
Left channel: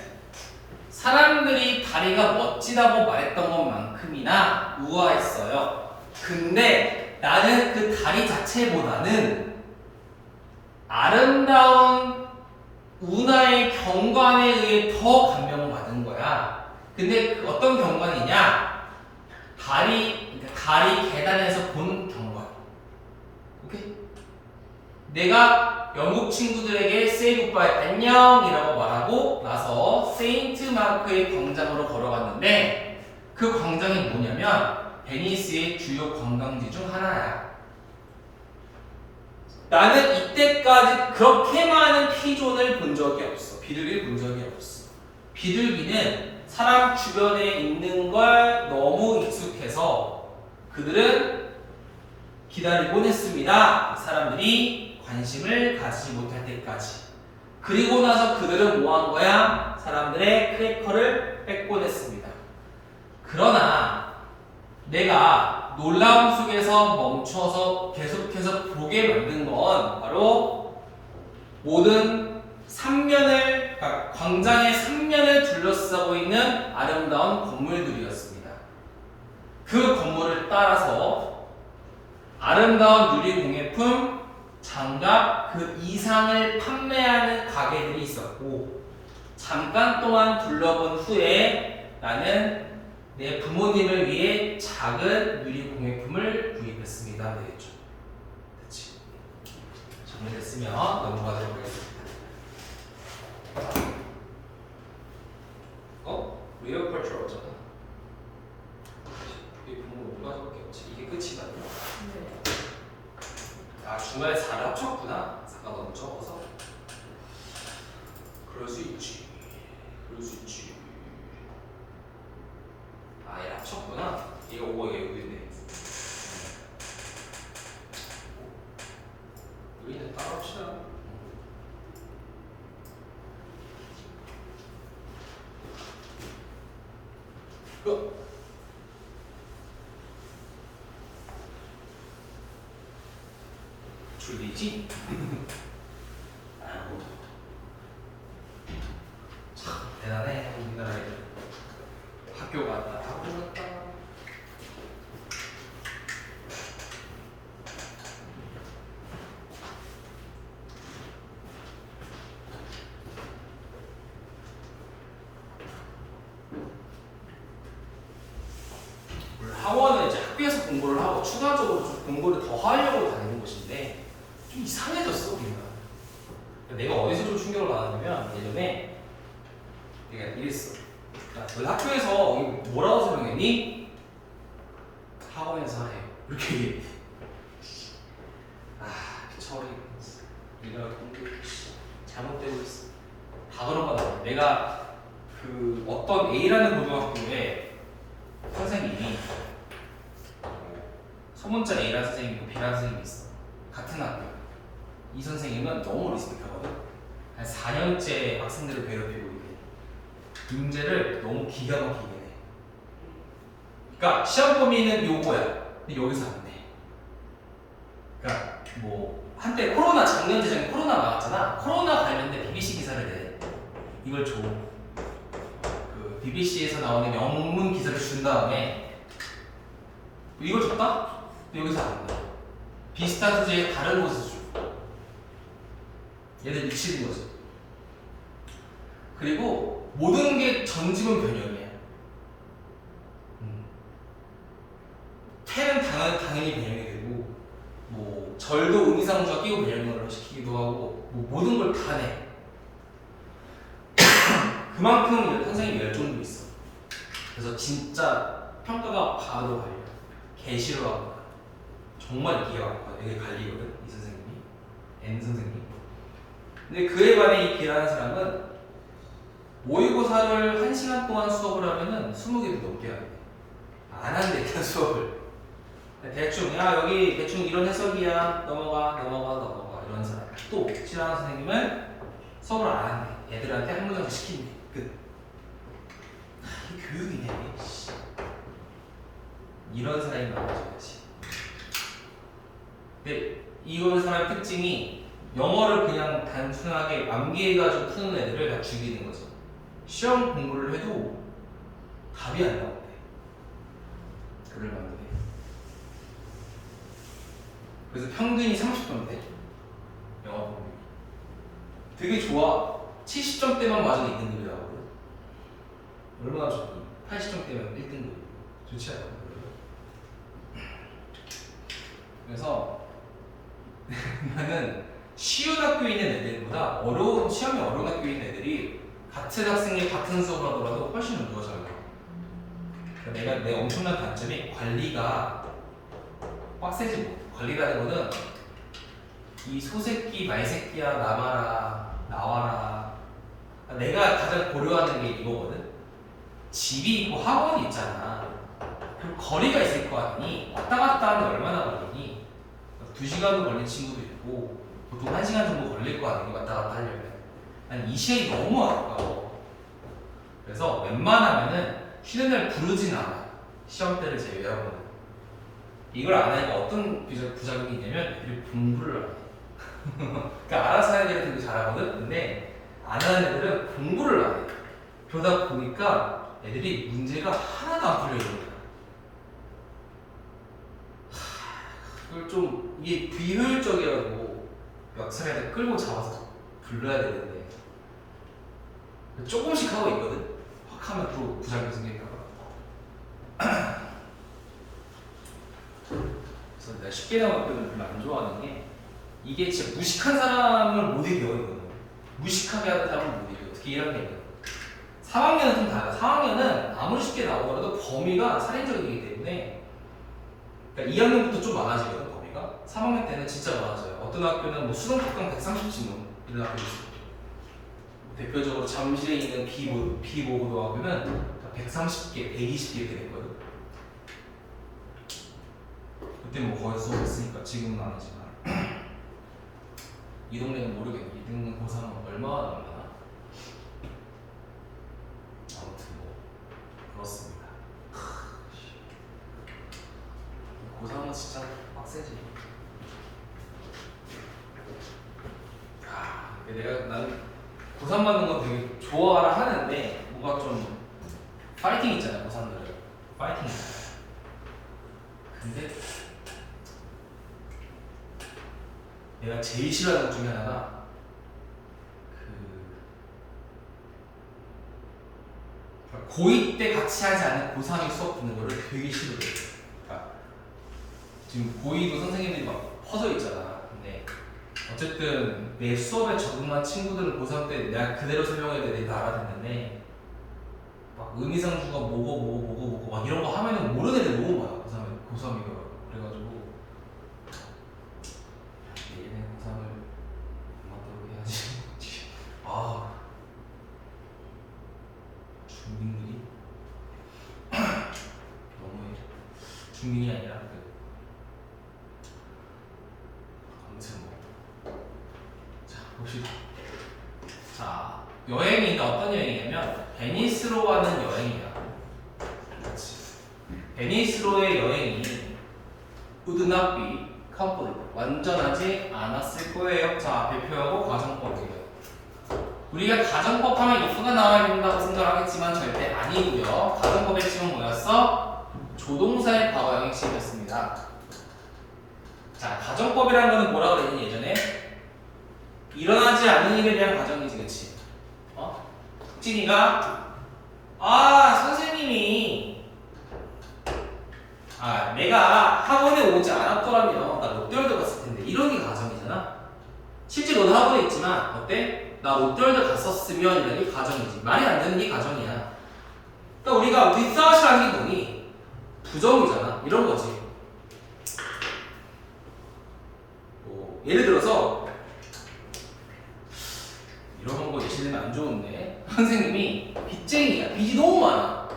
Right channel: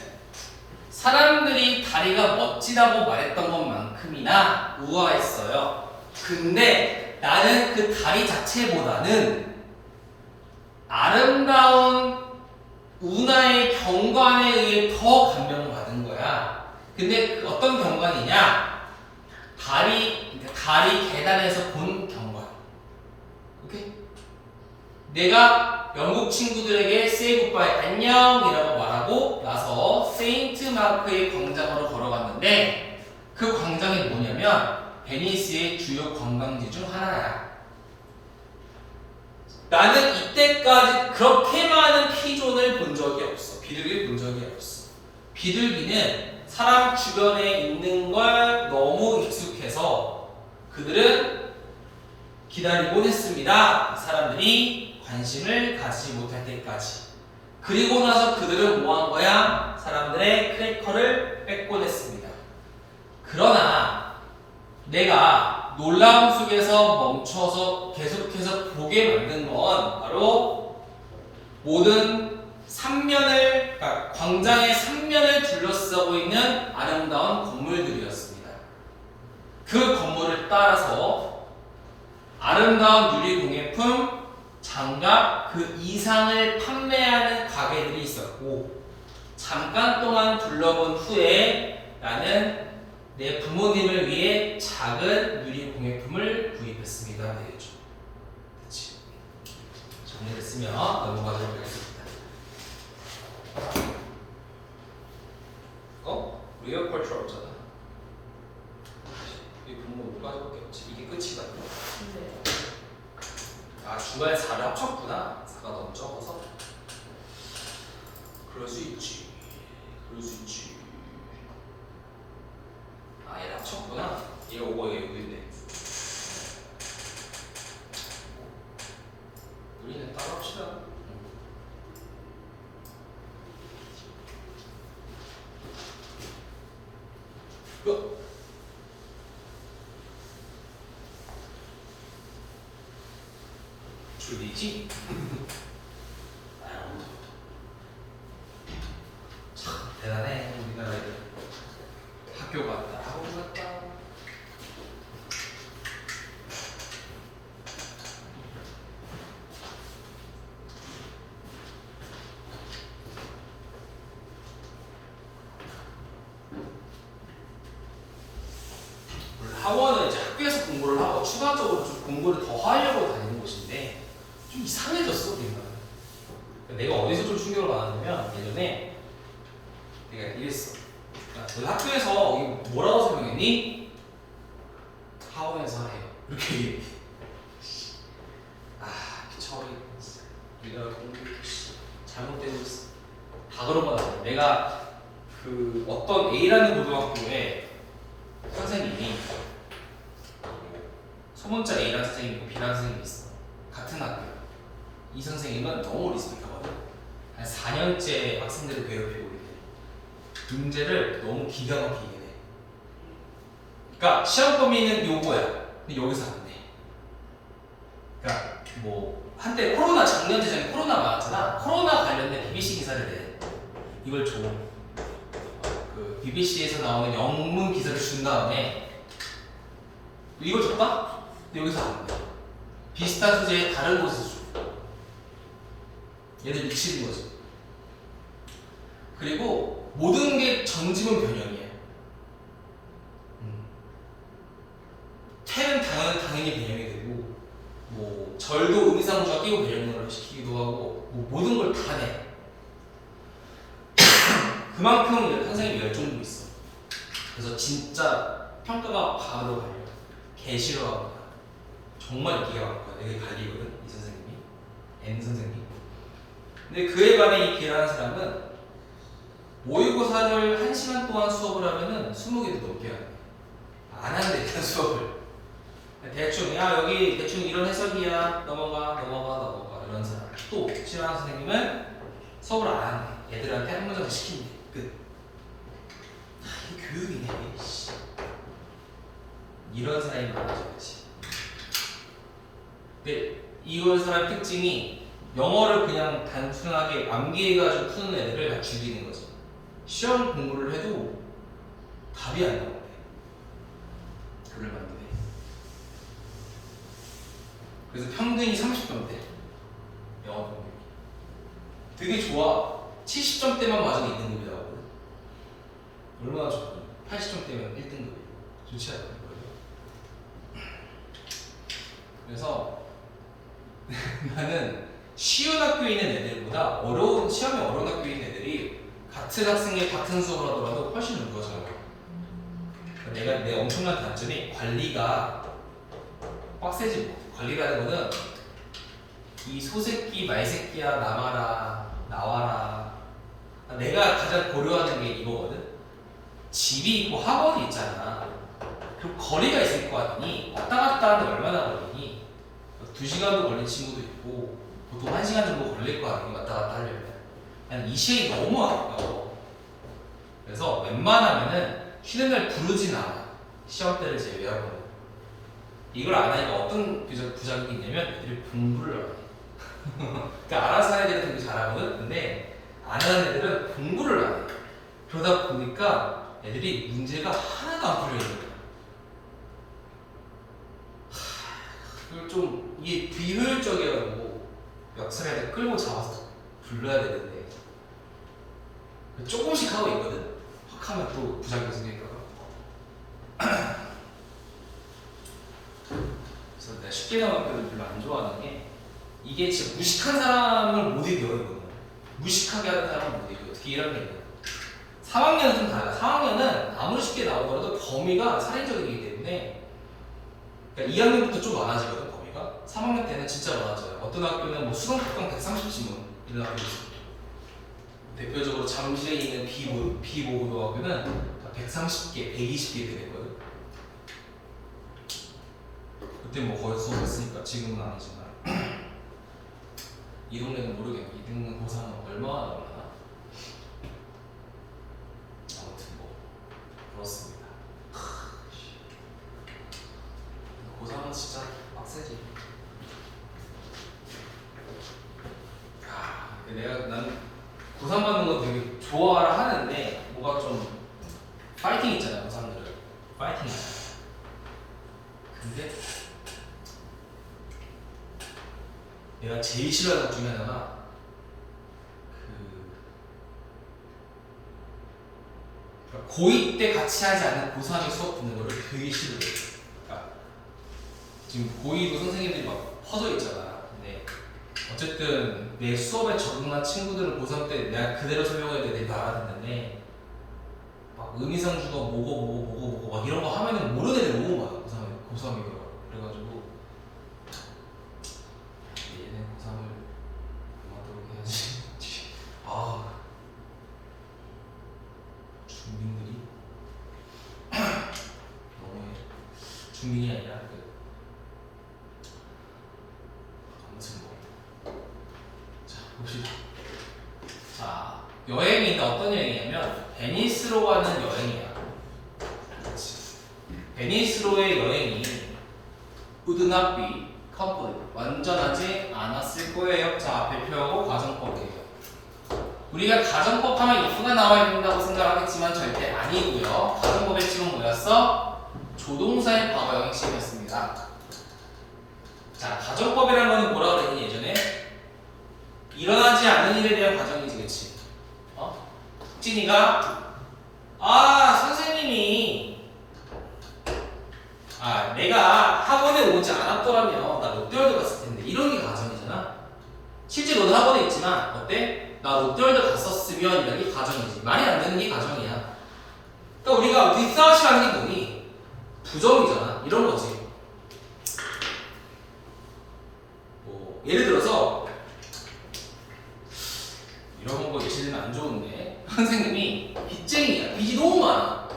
사람들이 다리가 멋지다고 말했던 것만큼이나 우아했어요. 근데 나는 그 다리 자체보다는 아름다운 운하의 경관에 의해 더 감명을 받은 거야. 근데 그 어떤 경관이냐? 다리 계단에서 본 경관. 오케이? 내가 영국 친구들에게 say goodbye, 안녕이라고 말하고 나서 세인트 마크의 광장으로 걸어갔는데 그 광장이 뭐냐면 베니스의 주요 관광지 중 하나야. 나는 이때까지 그렇게 많은 피존을 본 적이 없어. 비둘기를 본 적이 없어. 비둘기는 사람 주변에 있는 걸 너무 익숙해서 그들은 기다리곤 했습니다. 사람들이 관심을 가지지 못할 때까지. 그리고 나서 그들은 뭐 한 거야? 사람들의 크래커를 뺏곤 했습니다. 그러나 내가 놀라움 속에서 멈춰서 계속해서 보게 만든 건 바로 모든 그러니까 광장의 3면을 둘러싸고 있는 아름다운 건물들이었습니다. 그 건물을 따라서 아름다운 유리공예품, 장갑, 그 이상을 판매하는 가게들이 있었고 잠깐 동안 둘러본 후에 나는 내 부모님을 위해 작은 유리공예품을 구입했습니다. 되겠죠. 그렇지. 정리됐으면 넘어가도록 하겠습니다. 리얼 컬처 없잖아. 이 부모 못 가져볼게. 이게 끝이거든요. 네. 아, 중간에 4를 합쳤구나. 4가 너무 적어서. 그럴 수 있지. 아, 얘를 합쳤구나. 얘가 5가 얘가 6인데. 우리는 따로 합시다. 줄이지? 참 대단해. 우리나라에 학교 갔다 하고 갔다. 학원은 이제 학교에서 공부를 하고 추가적으로 좀 공부를 더 하려고 다니는 곳인데 좀 이상해졌어 우리가. 내가 어디서 좀 충격을 받았냐면 예전에 내가 이랬어. 야, 너 학교에서 뭐라고 설명했니? 학원에서 해. 이렇게 얘기해. 처리. 우리나라 공부 잘못되고 있어. 다 그런 거다. 내가 그 어떤 A라는 고등학교에 선생님이 소문자 A라는 선생님이 있고 B라는 선생님이 있어. 같은 학교. 이 선생님은 너무 리스펙하거든. 한 4년째 학생들을 괴롭히고 있대. 문제를 너무 기가 막히게 내. 그러니까 시험 범위는 요거야. 근데 여기서 안 돼. 그러니까 뭐 한때 코로나 작년 재작년 코로나 많았잖아. 코로나 관련된 BBC 기사를 내. 이걸 줘. 그 BBC에서 나오는 영문 기사를 준 다음에 이걸 줬다? 근데 여기서 안 돼. 비슷한 소재 다른 곳에서 줘. 얘들 미치는 거지. 그리고 모든 게 전지문 변형이야. 태는 당연히 변형이 되고, 뭐 절도 의미상주가 끼고 변형을 시키기도 하고, 뭐 모든 걸 다 내. 그만큼 선생님이 열정도 있어. 그래서 진짜 평가가 바로 갈려. 개 싫어하고 정말 기가 막혀. 되게 갈리거든 이 선생님이, N 선생님. 근데 그에 반해 이 B라는 사람은 모의고사를 1시간 동안 수업을 하면은 20개도 넘게 하네. 안 하는데 그냥 수업을. 대충 야 여기 대충 이런 해석이야 넘어가 이런 사람. 또 싫어하는 선생님은 수업을 안 하네. 애들한테 한 문장 시킨대. 끝. 이게 교육이네. 이런 사람이 많아져야지. 근데 이런 사람 특징이 영어를 그냥 단순하게 암기해가지고 푸는 애들을 다 죽이는 거죠. 시험 공부를 해도 답이 안 나오네. 글을 만드네. 그래서 평균이 30점대. 영어 공부. 되게 좋아. 70점대만 맞아도 2등급이 나오거든. 얼마나 좋니? 80점대면 1등급. 좋지 않아? 그래서 나는 쉬운 학교에 있는 애들보다 시험이 어려운 학교에 있는 애들이 같은 학생이 같은 수업을 하더라도 훨씬 더 잘 나와. 내 엄청난 단점이 관리가 빡세지 뭐. 관리라는 거는 이 소새끼 말새끼야 나와라. 내가 가장 고려하는 게 이거거든. 집이 있고 학원이 있잖아. 그럼 거리가 있을 거 아니니 왔다 갔다 하는데 얼마나 걸리니? 2시간도 걸린 친구도 있고 보통 1시간 정도 걸릴 거 아니니 왔다 갔다 하려면. 난 이 시간이 너무 아까워. 그래서 웬만하면은 쉬는 날 부르진 않아. 시험 때를 제외하고는. 이걸 안 하니까 어떤 부작용이 있냐면 애들이 공부를 안 해. 그러니까 알아서 하는 애들은 되게 잘하거든. 근데 안 하는 애들은 공부를 안 해. 그러다 보니까 애들이 문제가 하나도 안 풀려 있는 거야. 그걸 좀 이게 비효율적이라고 역사를 끌고 잡아서 불러야 되는데 조금씩 하고 있거든. 확 하면 또 부작용이 생기니까. 그래서 내가 쉽게 나온 학교를 별로 안 좋아하는 게 이게 진짜 무식한 사람을 못 이겨. 이거는 무식하게 하는 사람을 못 이겨. 특히 1학년은 3학년은 좀 달라. 3학년은 아무리 쉽게 나오더라도 범위가 살인적이기 때문에 그러니까 2학년부터 좀 많아지거든 범위가. 3학년 때는 진짜 많아져요. 어떤 학교는 뭐 수능 특강 130지문 이런 학교도 있어요. 대표적으로 잠실에 있는 비모고등학교는 130개, 120개 되는 거예요. 그때 뭐 거의 수업했으니까 지금은 아니지만 이 동네는 모르겠네. 이 동네 고3은 얼마나 나오나? 아무튼 뭐 그렇습니다. 고3은 진짜 빡세지. 나는 고3 받는 거 되게 좋아라 하는데 뭔가 좀 파이팅 있잖아. 고3들은 파이팅 있잖아. 근데 내가 제일 싫어하는 것 중에 하나가 고2 때 같이 하지 않는 고3이 수업 듣는 거를 되게 싫어해. 그러니까 지금 고2도 선생님들이 막 퍼져 있잖아. 근데 어쨌든 내 수업에 적응한 친구들은 고3 때 내가 그대로 설명해야 돼. 내가 알아듣는데 막 의미상주가 뭐고 막 이런 거 하면은 모르는 애들 너무 많아. 고3이고 그래가지고 얘는 고3을 그만두게 해야지. 아 중딩들이 너무해. 중딩이 아니라 아무튼 뭐 자 봅시다. 여행이니까 어떤 여행이냐면 베니스로 가는 여행이야. 그렇지. 베니스로의 여행이 would not be complete. 완전하지 않았을 거예요. 자, 배표하고 가정법이에요. 우리가 가정법 하면 if가 나와야 된다고 생각하겠지만 절대 아니고요. 가정법의 핵심은 뭐였어? 조동사의 과거형의 핵심이었습니다. 자, 가정법이라는 거는 뭐라 그랬니 예전에? 일어나지 않는 일에 대한 가정이지, 그치? 흑진이가 선생님이 내가 학원에 오지 않았더라면 나 롯데월드 갔을 텐데 이런 게 가정이잖아. 실제 너도 학원에 있지만 어때? 나 롯데월드 갔었으면 이런 게 가정이지. 말이 안 되는 게 가정이야. 그러니까 우리가 without이라는 게 뭐니? 부정이잖아. 이런 거지. 예를 들어서 이런 거 예시들면 안 좋은데 선생님이 빚쟁이야. 빚이 너무 많아.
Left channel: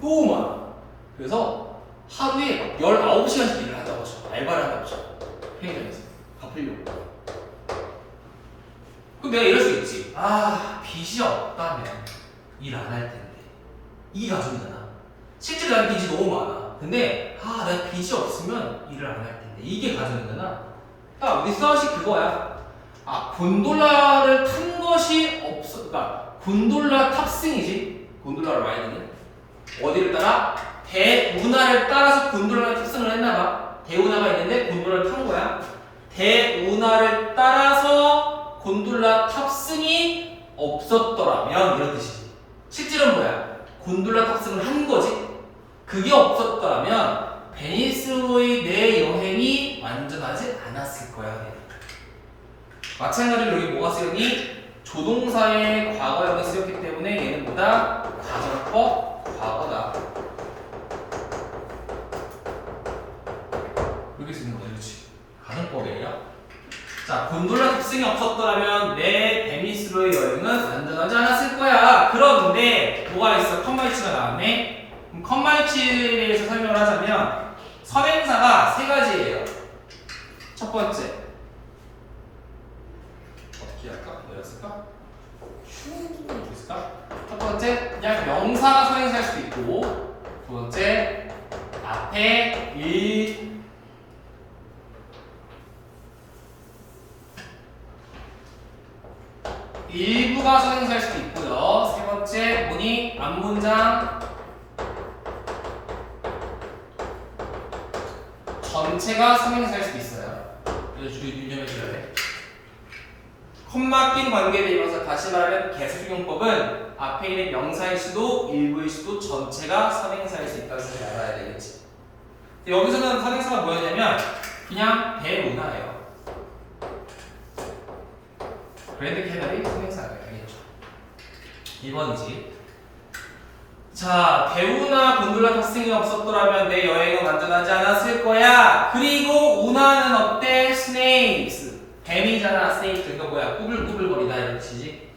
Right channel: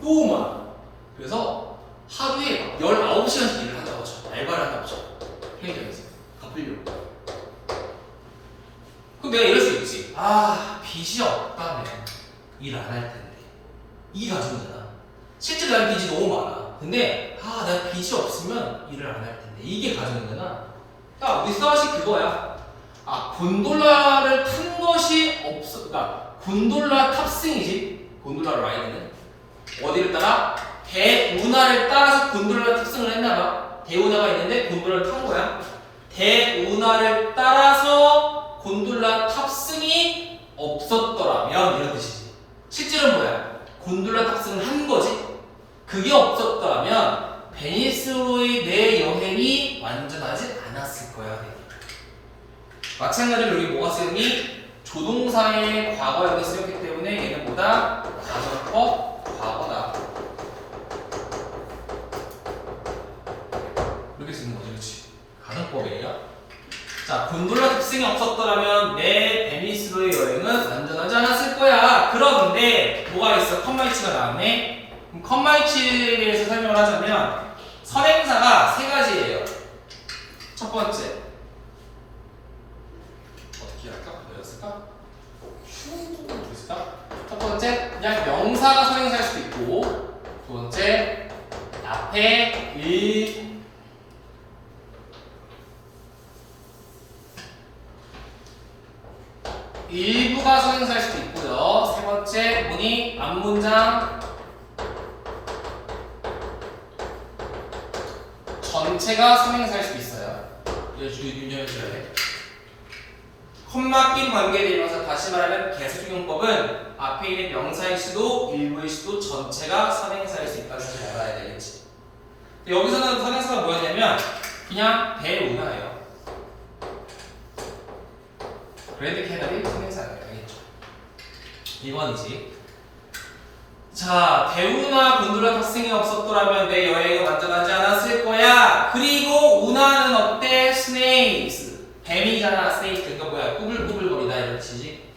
너무 많아. 그래서 하루에 19시간씩 일을 하자고 쳐. 알바를 하자고 쳐. 편의점에서 갚으려고. 그럼 내가 이럴 수 있지. 빚이 없다면 일 안 할 텐데. 이게 가정이잖아. 실제로 난 빚이 너무 많아. 근데 내가 빚이 없으면 일을 안 할 텐데. 이게 가정이잖아. 딱 without이 그거야. 곤돌라를 탄 것이 없어. 그러니까 곤돌라 탑승이지. 곤돌라 라이드는 어디를 따라? 대운하를 따라서 곤돌라 탑승을 했나봐. 대운하가 있는데 곤돌라를 탄 거야. 대운하를 따라서 곤돌라 탑승이 없었더라면 이런 뜻이지. 실제로는 뭐야? 곤돌라 탑승을 한 거지. 그게 없었다면 베니스로의 내 여행이 완전하지 않았을 거야. 마찬가지로 여기 뭐가 쓰였니? 조동사의 과거형이 쓰였기 때문에 얘는 뭐다? 가정법 과거다. 이렇게 쓰는 거죠, 그렇지? 가정법이에요. 자, 곤돌라 탑승이 없었더라면 내 베니스로의 여행은 완전하지 않았을 거야. 그런데 뭐가 있어? 컴마이치가 나왔네. 그럼 컴마이치에 대해서 설명을 하자면 선행사가 세 가지예요. 첫 번째 어떻게 할까? 뭐였을까? 뭐였을까? 첫 번째 그냥 명사가 선행사일 수도 있고, 두 번째 앞에 일부가 선행사일 수도 있고요. 세 번째 뭐니? 앞문장 전체가 선행사일 수도 있어요. 이거 유념해줘야 돼. 콤마 끼는 관계대명사, 다시 말하면 개수적용법은 앞에 있는 명사일 수도 일부일 수도 전체가 선행사일 수 있다는 사실을 알아야 되겠지. 여기서는 선행사가 뭐였냐면 그냥 대운하예요. 그랜드 캐널이 선행사예요. 알겠죠? 2번이지. 자, 대우나 곤돌라 탑승이 없었더라면 내 여행은 완전하지 않았을 거야. 그리고 운하는 어때? 스네이크스. 뱀이잖아. 스네이크. 이거 뭐야? 꾸불꾸불거리다 이런 뜻이지.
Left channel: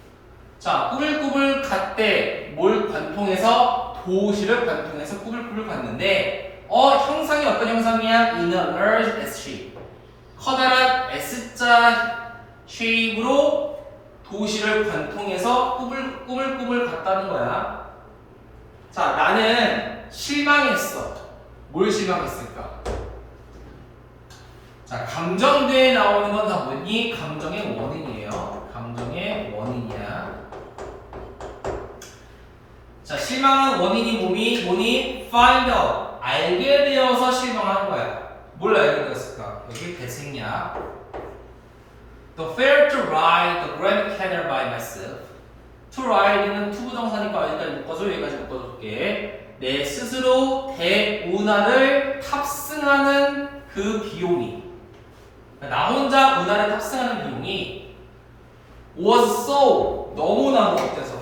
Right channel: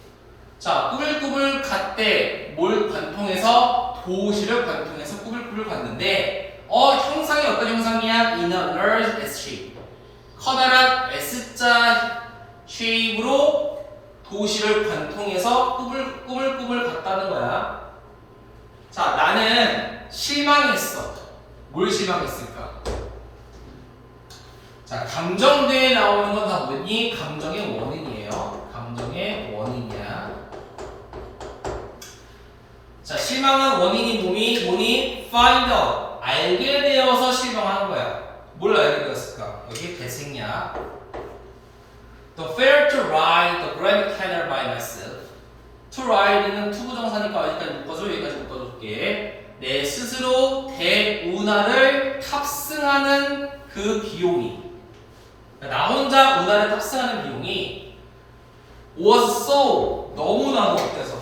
자, 꾸불꾸불 갔대. 뭘 관통해서? 도시를 관통해서 꾸불꾸불 갔는데 형상이 어떤 형상이야? In a large S shape. 커다란 S자 쉐입으로 도시를 관통해서 꾸불꾸불 갔다는 거야. 자, 나는 실망했어. 뭘 실망했을까? 자, 감정대에 나오는 건 다 뭐니? 감정의 원인이에요. 감정의 원인이야. 자, 실망한 원인이 뭐니? Find out. 알게 되어서 실망한 거야. 뭘 알게 되었을까? 여기 대생략. The fair to ride the Grand Canal by myself. To ride는 투부정사니까 여기까지 묶어줘. 여기까지 묶어줄게. 내 스스로 대운하를 탑승하는 그 비용이, 나 혼자 운하를 탑승하는 비용이 was so, 너무나도 어때서?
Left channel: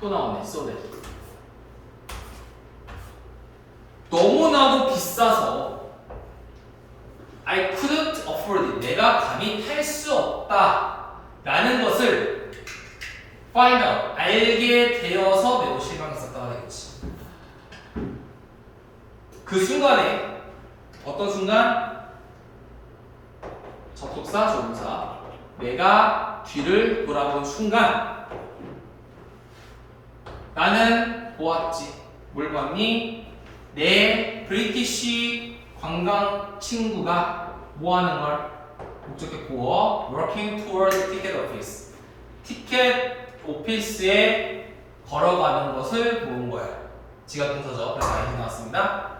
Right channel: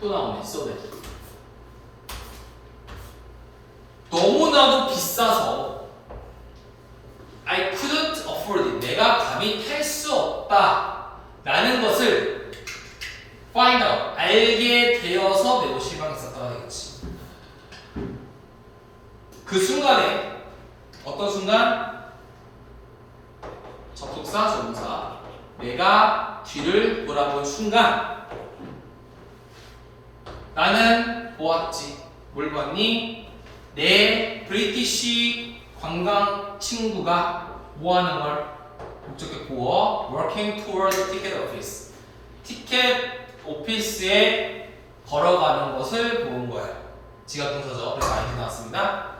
또 나오네. so that. 너무나도 비싸서 I couldn't afford it. 내가 감히 탈 수 없다 라는 것을 find out, 알게 되어서 매우 실망했었다가 되겠지. 그 순간에 어떤 순간? 접속사, 조동사. 내가 뒤를 돌아본 순간 나는 보았지. 뭘 봤니? 내 브리티시 관광 친구가 뭐 하는 걸? 목적격 보어 working toward the ticket office. 티켓 오피스에 걸어가는 것을 본 거야. 지각 동사죠. 그래서 아이디 나왔습니다.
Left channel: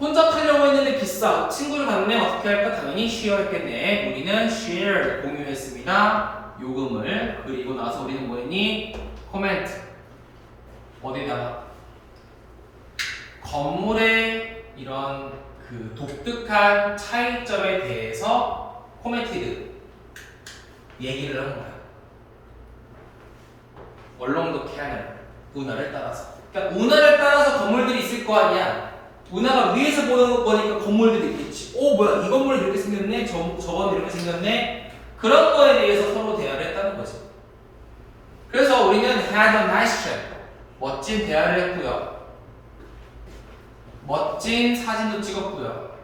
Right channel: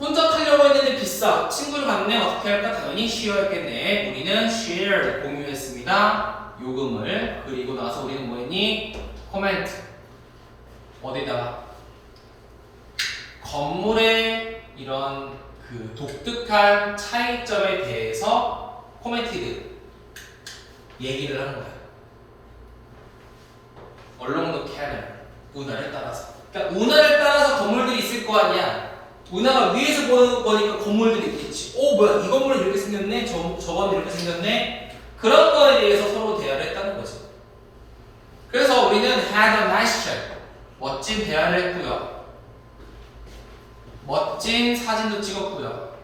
혼자 타려고 했는데 비싸. 친구를 봤네. 어떻게 할까? 당연히 share 했겠네. 우리는 share 공유했습니다. 요금을. 그리고 나서 우리는 뭐 했니? 코멘트. 어디다가? 건물의 이런 그 독특한 차이점에 대해서 코멘티드 얘기를 하는 거야. Along the canal. 운하를 따라서. 그러니까 운하를 따라서 건물들이 있을 거 아니야. 운하가 위에서 보는 거니까 건물들이 있겠지. 뭐야 이 건물은 이렇게 생겼네. 저 건물 이렇게 생겼네. 그런 거에 대해서 서로 대화를 했다는 거지. 그래서 우리는 had a nice chat. 멋진 대화를 했고요. 멋진 사진도 찍었고요.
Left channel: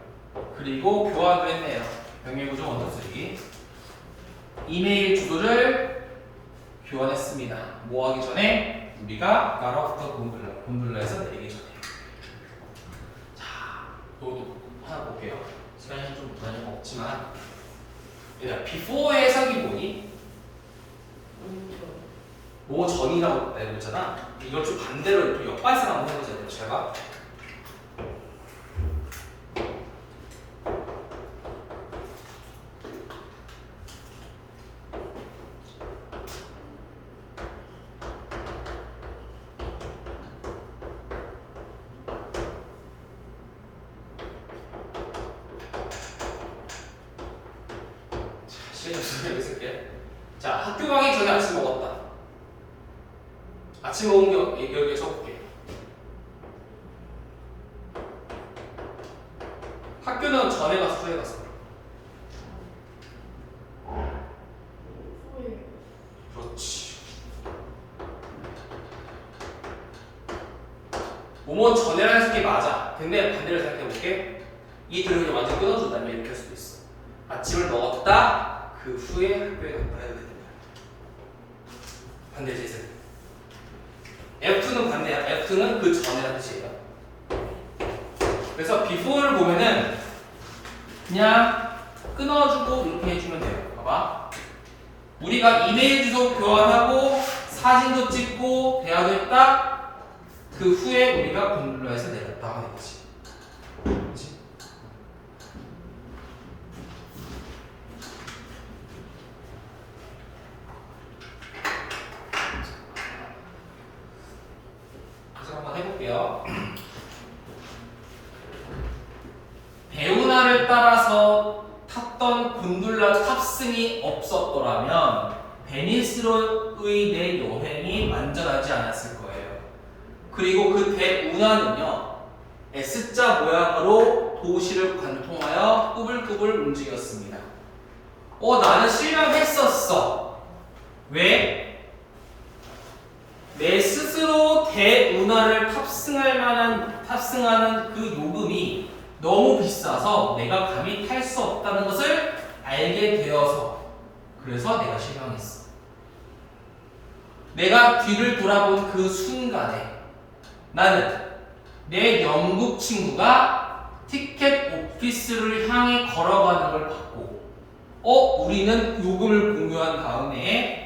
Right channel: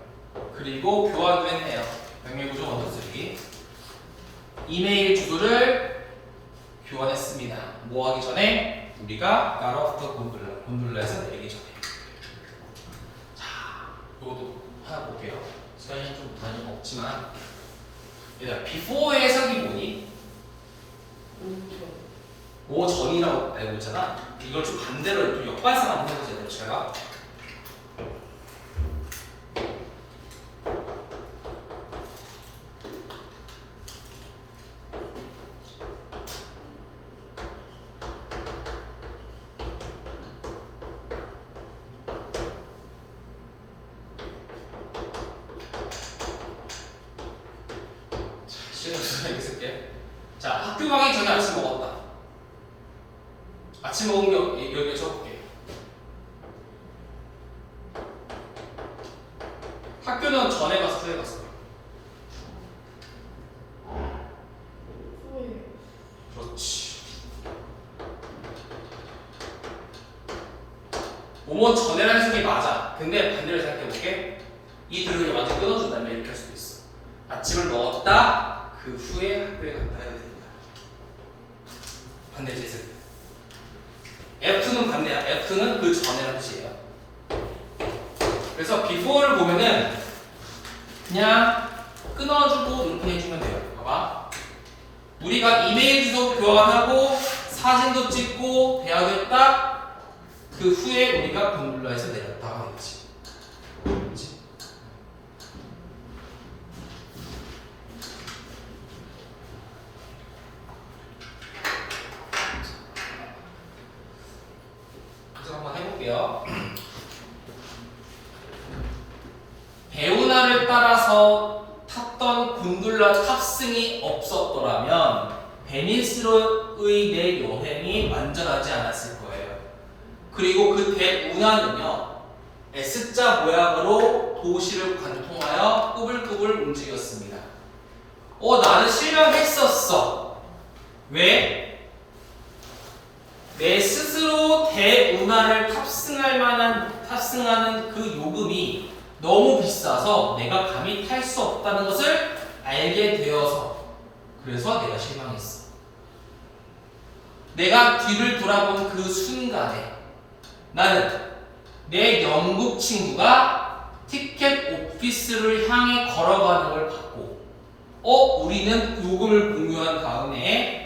그리고 교환도 했네요. 병행구조 원투쓰리. 이메일 주소를 교환했습니다. 뭐 하기 전에? 우리가 가로부터 곤돌라에서 내리기 전에. 자, 이것도 하나 볼게요. 시간이 좀 많이 없지만 얘들아, before 해석이 뭐니? 뭐 전이라고 알고 있잖아. 이걸 좀 반대로 좀 역발상 한번 해보자. 제가 여기 쓸게. 자, 학교 가기 전에 아침 먹었다. 아침 먹은 거 여기 적을게. 학교는 전에 갔어, 후에 갔어? 후에. 그렇지. 뭐뭐 전에라는 해석이 맞아. 근데 반대로 생각해볼게. 이 들을 완전 끊어준다면 이렇게 할 수도 있어. 아침을 먹었다. 그 후에 학교에 갔다 해야 됩니다. 반대 재생. F2는 반대야. F2는 그 전이라는 뜻이에요. 그래서 before를 보면은 그냥 끊어주고 이렇게 해주면 돼요. 봐봐. 우리가 이메일 주소 교환하고 사진도 찍고 대화도 했다. 그 후에 우리가 곤돌라에서 내렸다 하는 거지. 그렇지? 해볼게요. 배운하를 따라서 탔던 곤돌라 탑승이 없었더라면 베니스로의 내 여행이 완전하지 않았을 거예요. 그리고 그 배운하는요 S자 모양으로 도시를 관통하여 꾸불꾸불 움직였습니다. 나는 실망했었어. 왜? 내 스스로 대운하를 탑승하는 그 요금이 너무 비싸서 내가 감히 탈 수 없다는 것을 알게 되어서 그래서 내가 실망했어. 내가 뒤를 돌아본 그 순간에 나는 내 영국 친구가 티켓 오피스를 향해 걸어가는 걸 봤고 우리는 요금을 공유한 다음에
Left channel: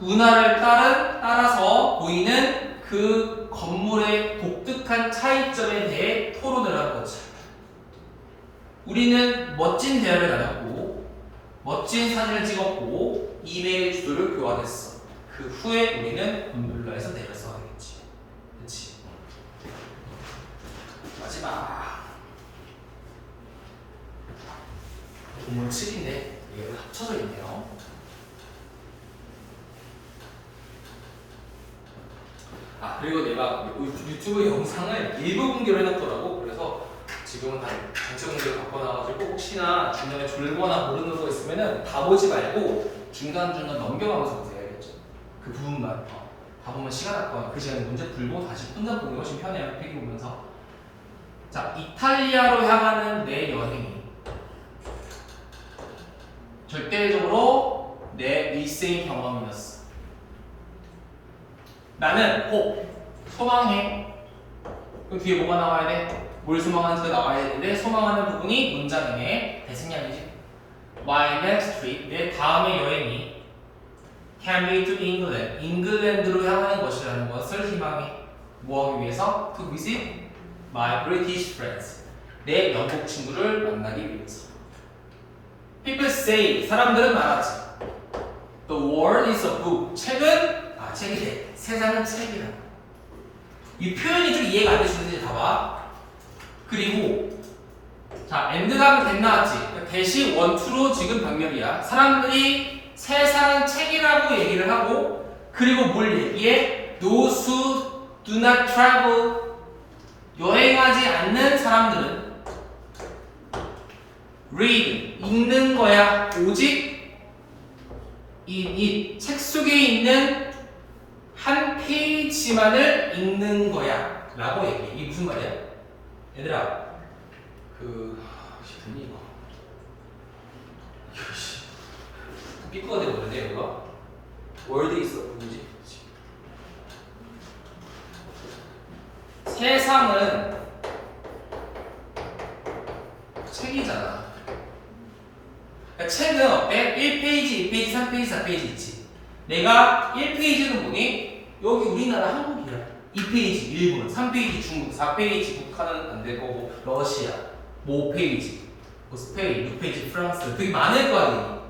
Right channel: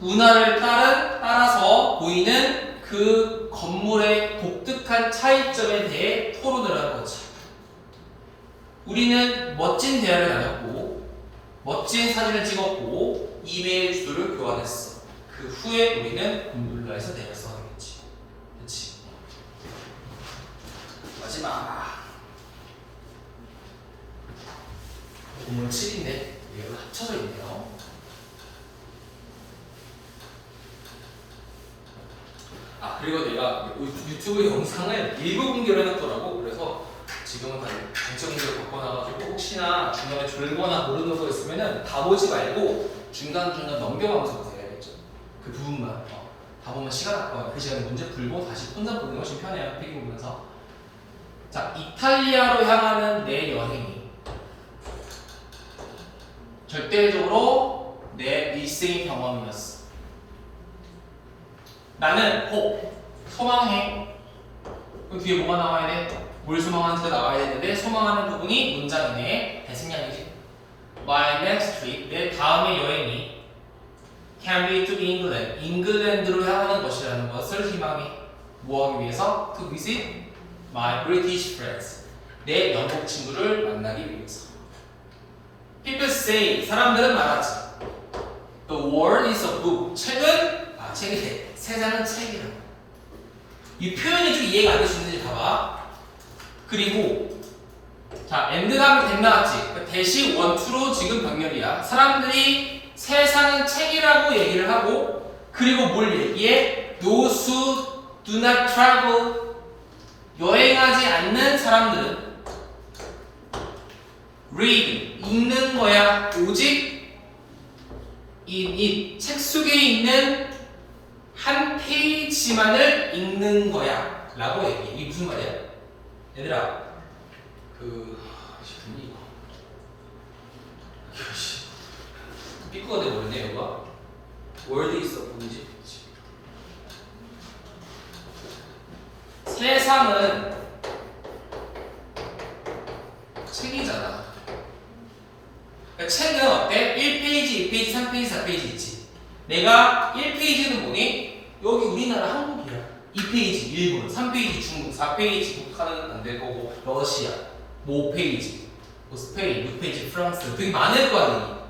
운하를 따라서 보이는 그 건물의 독특한 차이점에 대해 토론을 한 거지. 우리는 멋진 대화를 나눴고 멋진 사진을 찍었고 이메일 주소를 교환했어. 그 후에 우리는 곤돌라에서 내렸어 하겠지. 그렇지? 마지막 오늘 7인데 이게 합쳐져 있네요. 그리고 내가 유튜브 영상을 일부 공개를 해놨더라고. 그래서 지금은 다 전체 공개를 바꿔놔가지고 혹시나 중간에 줄거나 모르는 거 있으면은 다 보지 말고 중간중간 넘겨가면서 보세요. 그 부분만. 다 보면 시간 아까워. 그 시간에 문제 풀고 다시 혼자 보는 게 훨씬 편해요. 필기 보면서. 자, 이탈리아로 향하는 내 여행이 절대적으로 내 일생의 경험이었어. 나는 소망해. 그 뒤에 뭐가 나와야 돼? 뭘 소망하는지가 나와야 되는데 소망하는 부분이 문장이네. 대생략이지. My next trip, 내 다음의 여행이 can be to England, 잉글랜드로 향하는 것이라는 것을 희망해. 뭐 하기 위해서? To visit my British friends, 내 영국 친구를 만나기 위해서. People say, 사람들은 말하지. The world is a book, 책은 책이래. 세상은 책이라. 이 표현이 좀 이해가 안 되시는지 봐봐. 그리고 자, and 다음에 that 나왔지. 대시 1, 2로 지금 병렬이야. 사람들이 세상은 책이라고 얘기를 하고, 그리고 뭘 얘기해? Those who do not travel, 여행하지 않는 사람들은 read, 읽는 거야. 오직 이 책 속에 있는 한 페이지만을 읽는 거야 라고 얘기해. 이게 무슨 말이야? 얘들아, 듣니 이거? 삐꾸가 되버렸네 얘가. 월드 있어 뭐지? 세상은 책이잖아. 그러니까 책은 어때? 1페이지, 2페이지, 3페이지, 4페이지 있지. 내가 1페이지는 뭐니? 여기 우리나라 한국이야. 2페이지 일본, 3페이지 중국, 4페이지 북한은 안 될 거고 러시아, 5페이지 스페인, 6페이지 프랑스, 되게 많을 거 아니야.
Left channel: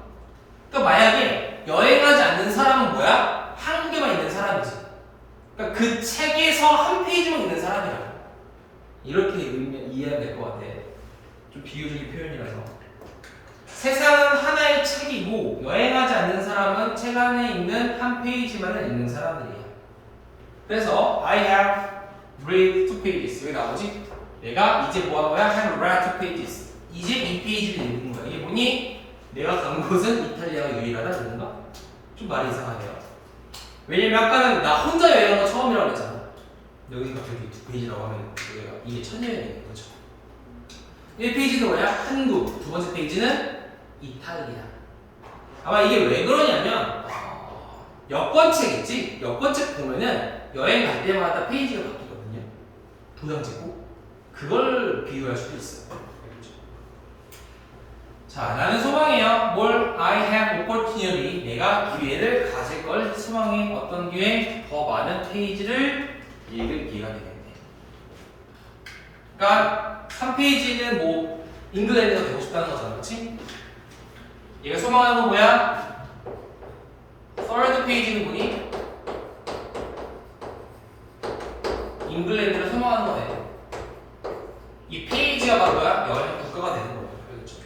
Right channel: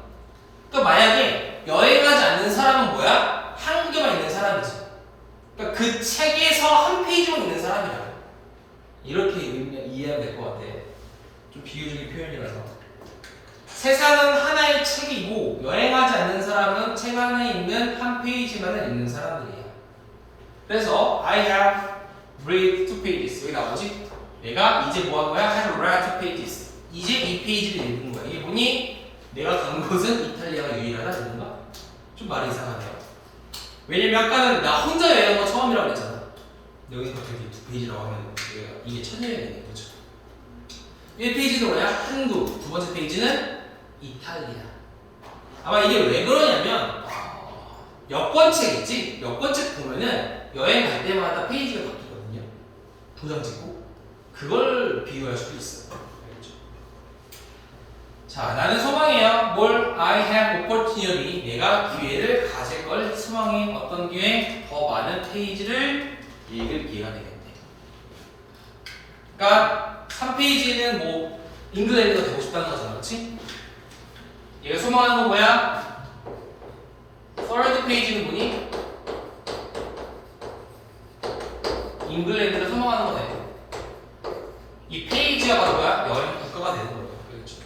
그러니까 만약에 여행하지 않는 사람은 뭐야? 한국에만 있는 사람이지. 그러니까 그 책에서 한 페이지만 있는 사람이야. 이렇게 이해하면 될 것 같아. 좀 비유적인 표현이라서. 세상은 하나의 책이고 여행하지 않는 사람은 책 안에 있는 한 페이지만을 읽는 사람들이야. 그래서 I have read 2 pages. 여기 나오지? 내가 이제 뭐 한 거야? I have read 2 pages. 이제 2페이지를 읽은 거야. 이게 뭐니? 내가 간 곳은 이탈리아가 유일하다. 그런가? 좀 말이 이상하네요. 왜냐면 아까는 나 혼자 여행한 거 처음이라고 했잖아. 여기서 갑자기 2페이지라고 하면 이게 천여행이네. 그렇죠? 1페이지는 뭐야? 한국. 두 번째 페이지는 이탈리아. 아마 이게 왜 그러냐면 여권책 있지? 여권책 보면은 여행 갈 때마다 페이지가 바뀌거든요. 도장 찍고 그걸 비유할 수도 있어. 알겠죠? 자, 나는 소망해요. 뭘? I have opportunity. 내가 기회를 가질 걸 소망해. 어떤 기회? 더 많은 페이지를 읽을 기회가 되겠네. 그러니까 3페이지는 뭐 잉글랜드가 되고 싶다는 거잖아, 그렇지? 얘가 소망하는 거 뭐야? third 페이지는 뭐니? 잉글랜드를 소망하는 거네. 이 페이지가 바로 뭐야? 여행 국가가 되는 거예요. 그렇죠?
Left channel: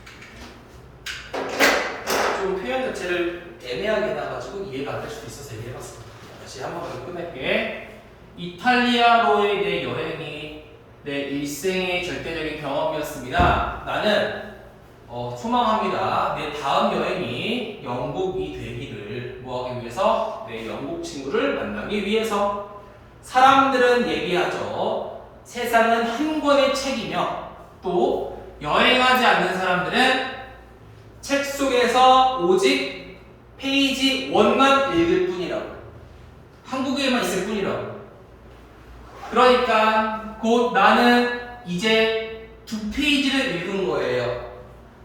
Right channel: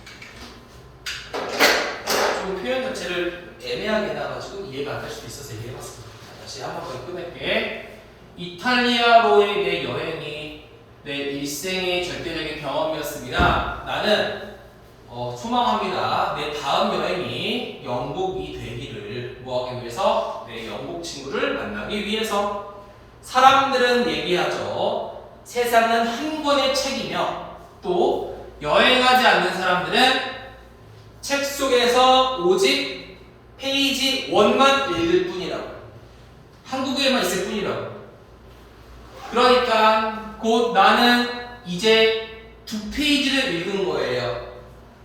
좀 표현 자체를 애매하게 해놔가지고 이해가 안 될 수도 있어서 얘기해봤습니다. 다시 한 번 더 끝낼게. 이탈리아로의 내 여행이 내 일생의 절대적인 경험이었습니다. 나는 소망합니다. 내 다음 여행이 영국이 되기를 뭐하기 위해서? 내 영국 친구를 만나기 위해서. 사람들은 얘기하죠. 세상은 한 권의 책이며 또 여행하지 않는 사람들은 책 속에서 오직 페이지 1만 읽을 뿐이라고. 한국에만 있을 뿐이라고. 그러니까 곧 나는 이제 2페이지를 읽은 거예요.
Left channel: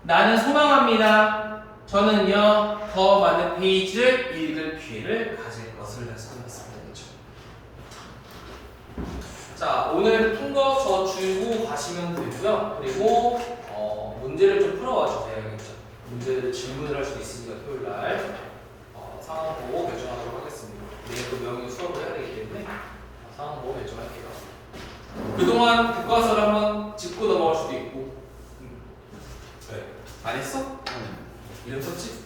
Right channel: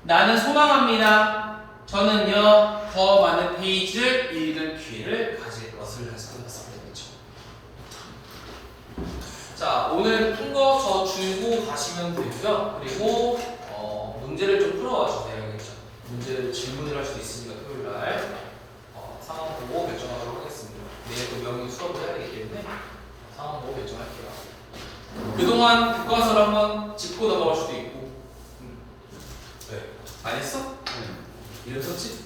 나는 소망합니다. 저는요 더 많은 페이지를 읽을 기회를 가질 것을 말씀드렸습니다. 자, 오늘 푼 거 저 줄고 가시면 되고요. 그리고 문제를 좀 풀어와 주세요. 문제를 질문을 할 수 있으니까 토요일 날 상황 보고 결정하도록 하겠습니다. 내일 또 명의 수업을 해야 되기 때문에 상황 보고 결정할게요. 그동안 교과서를 한번 짚고 넘어갈 수도 있고. 왜? 안 했어? 이름 썼지?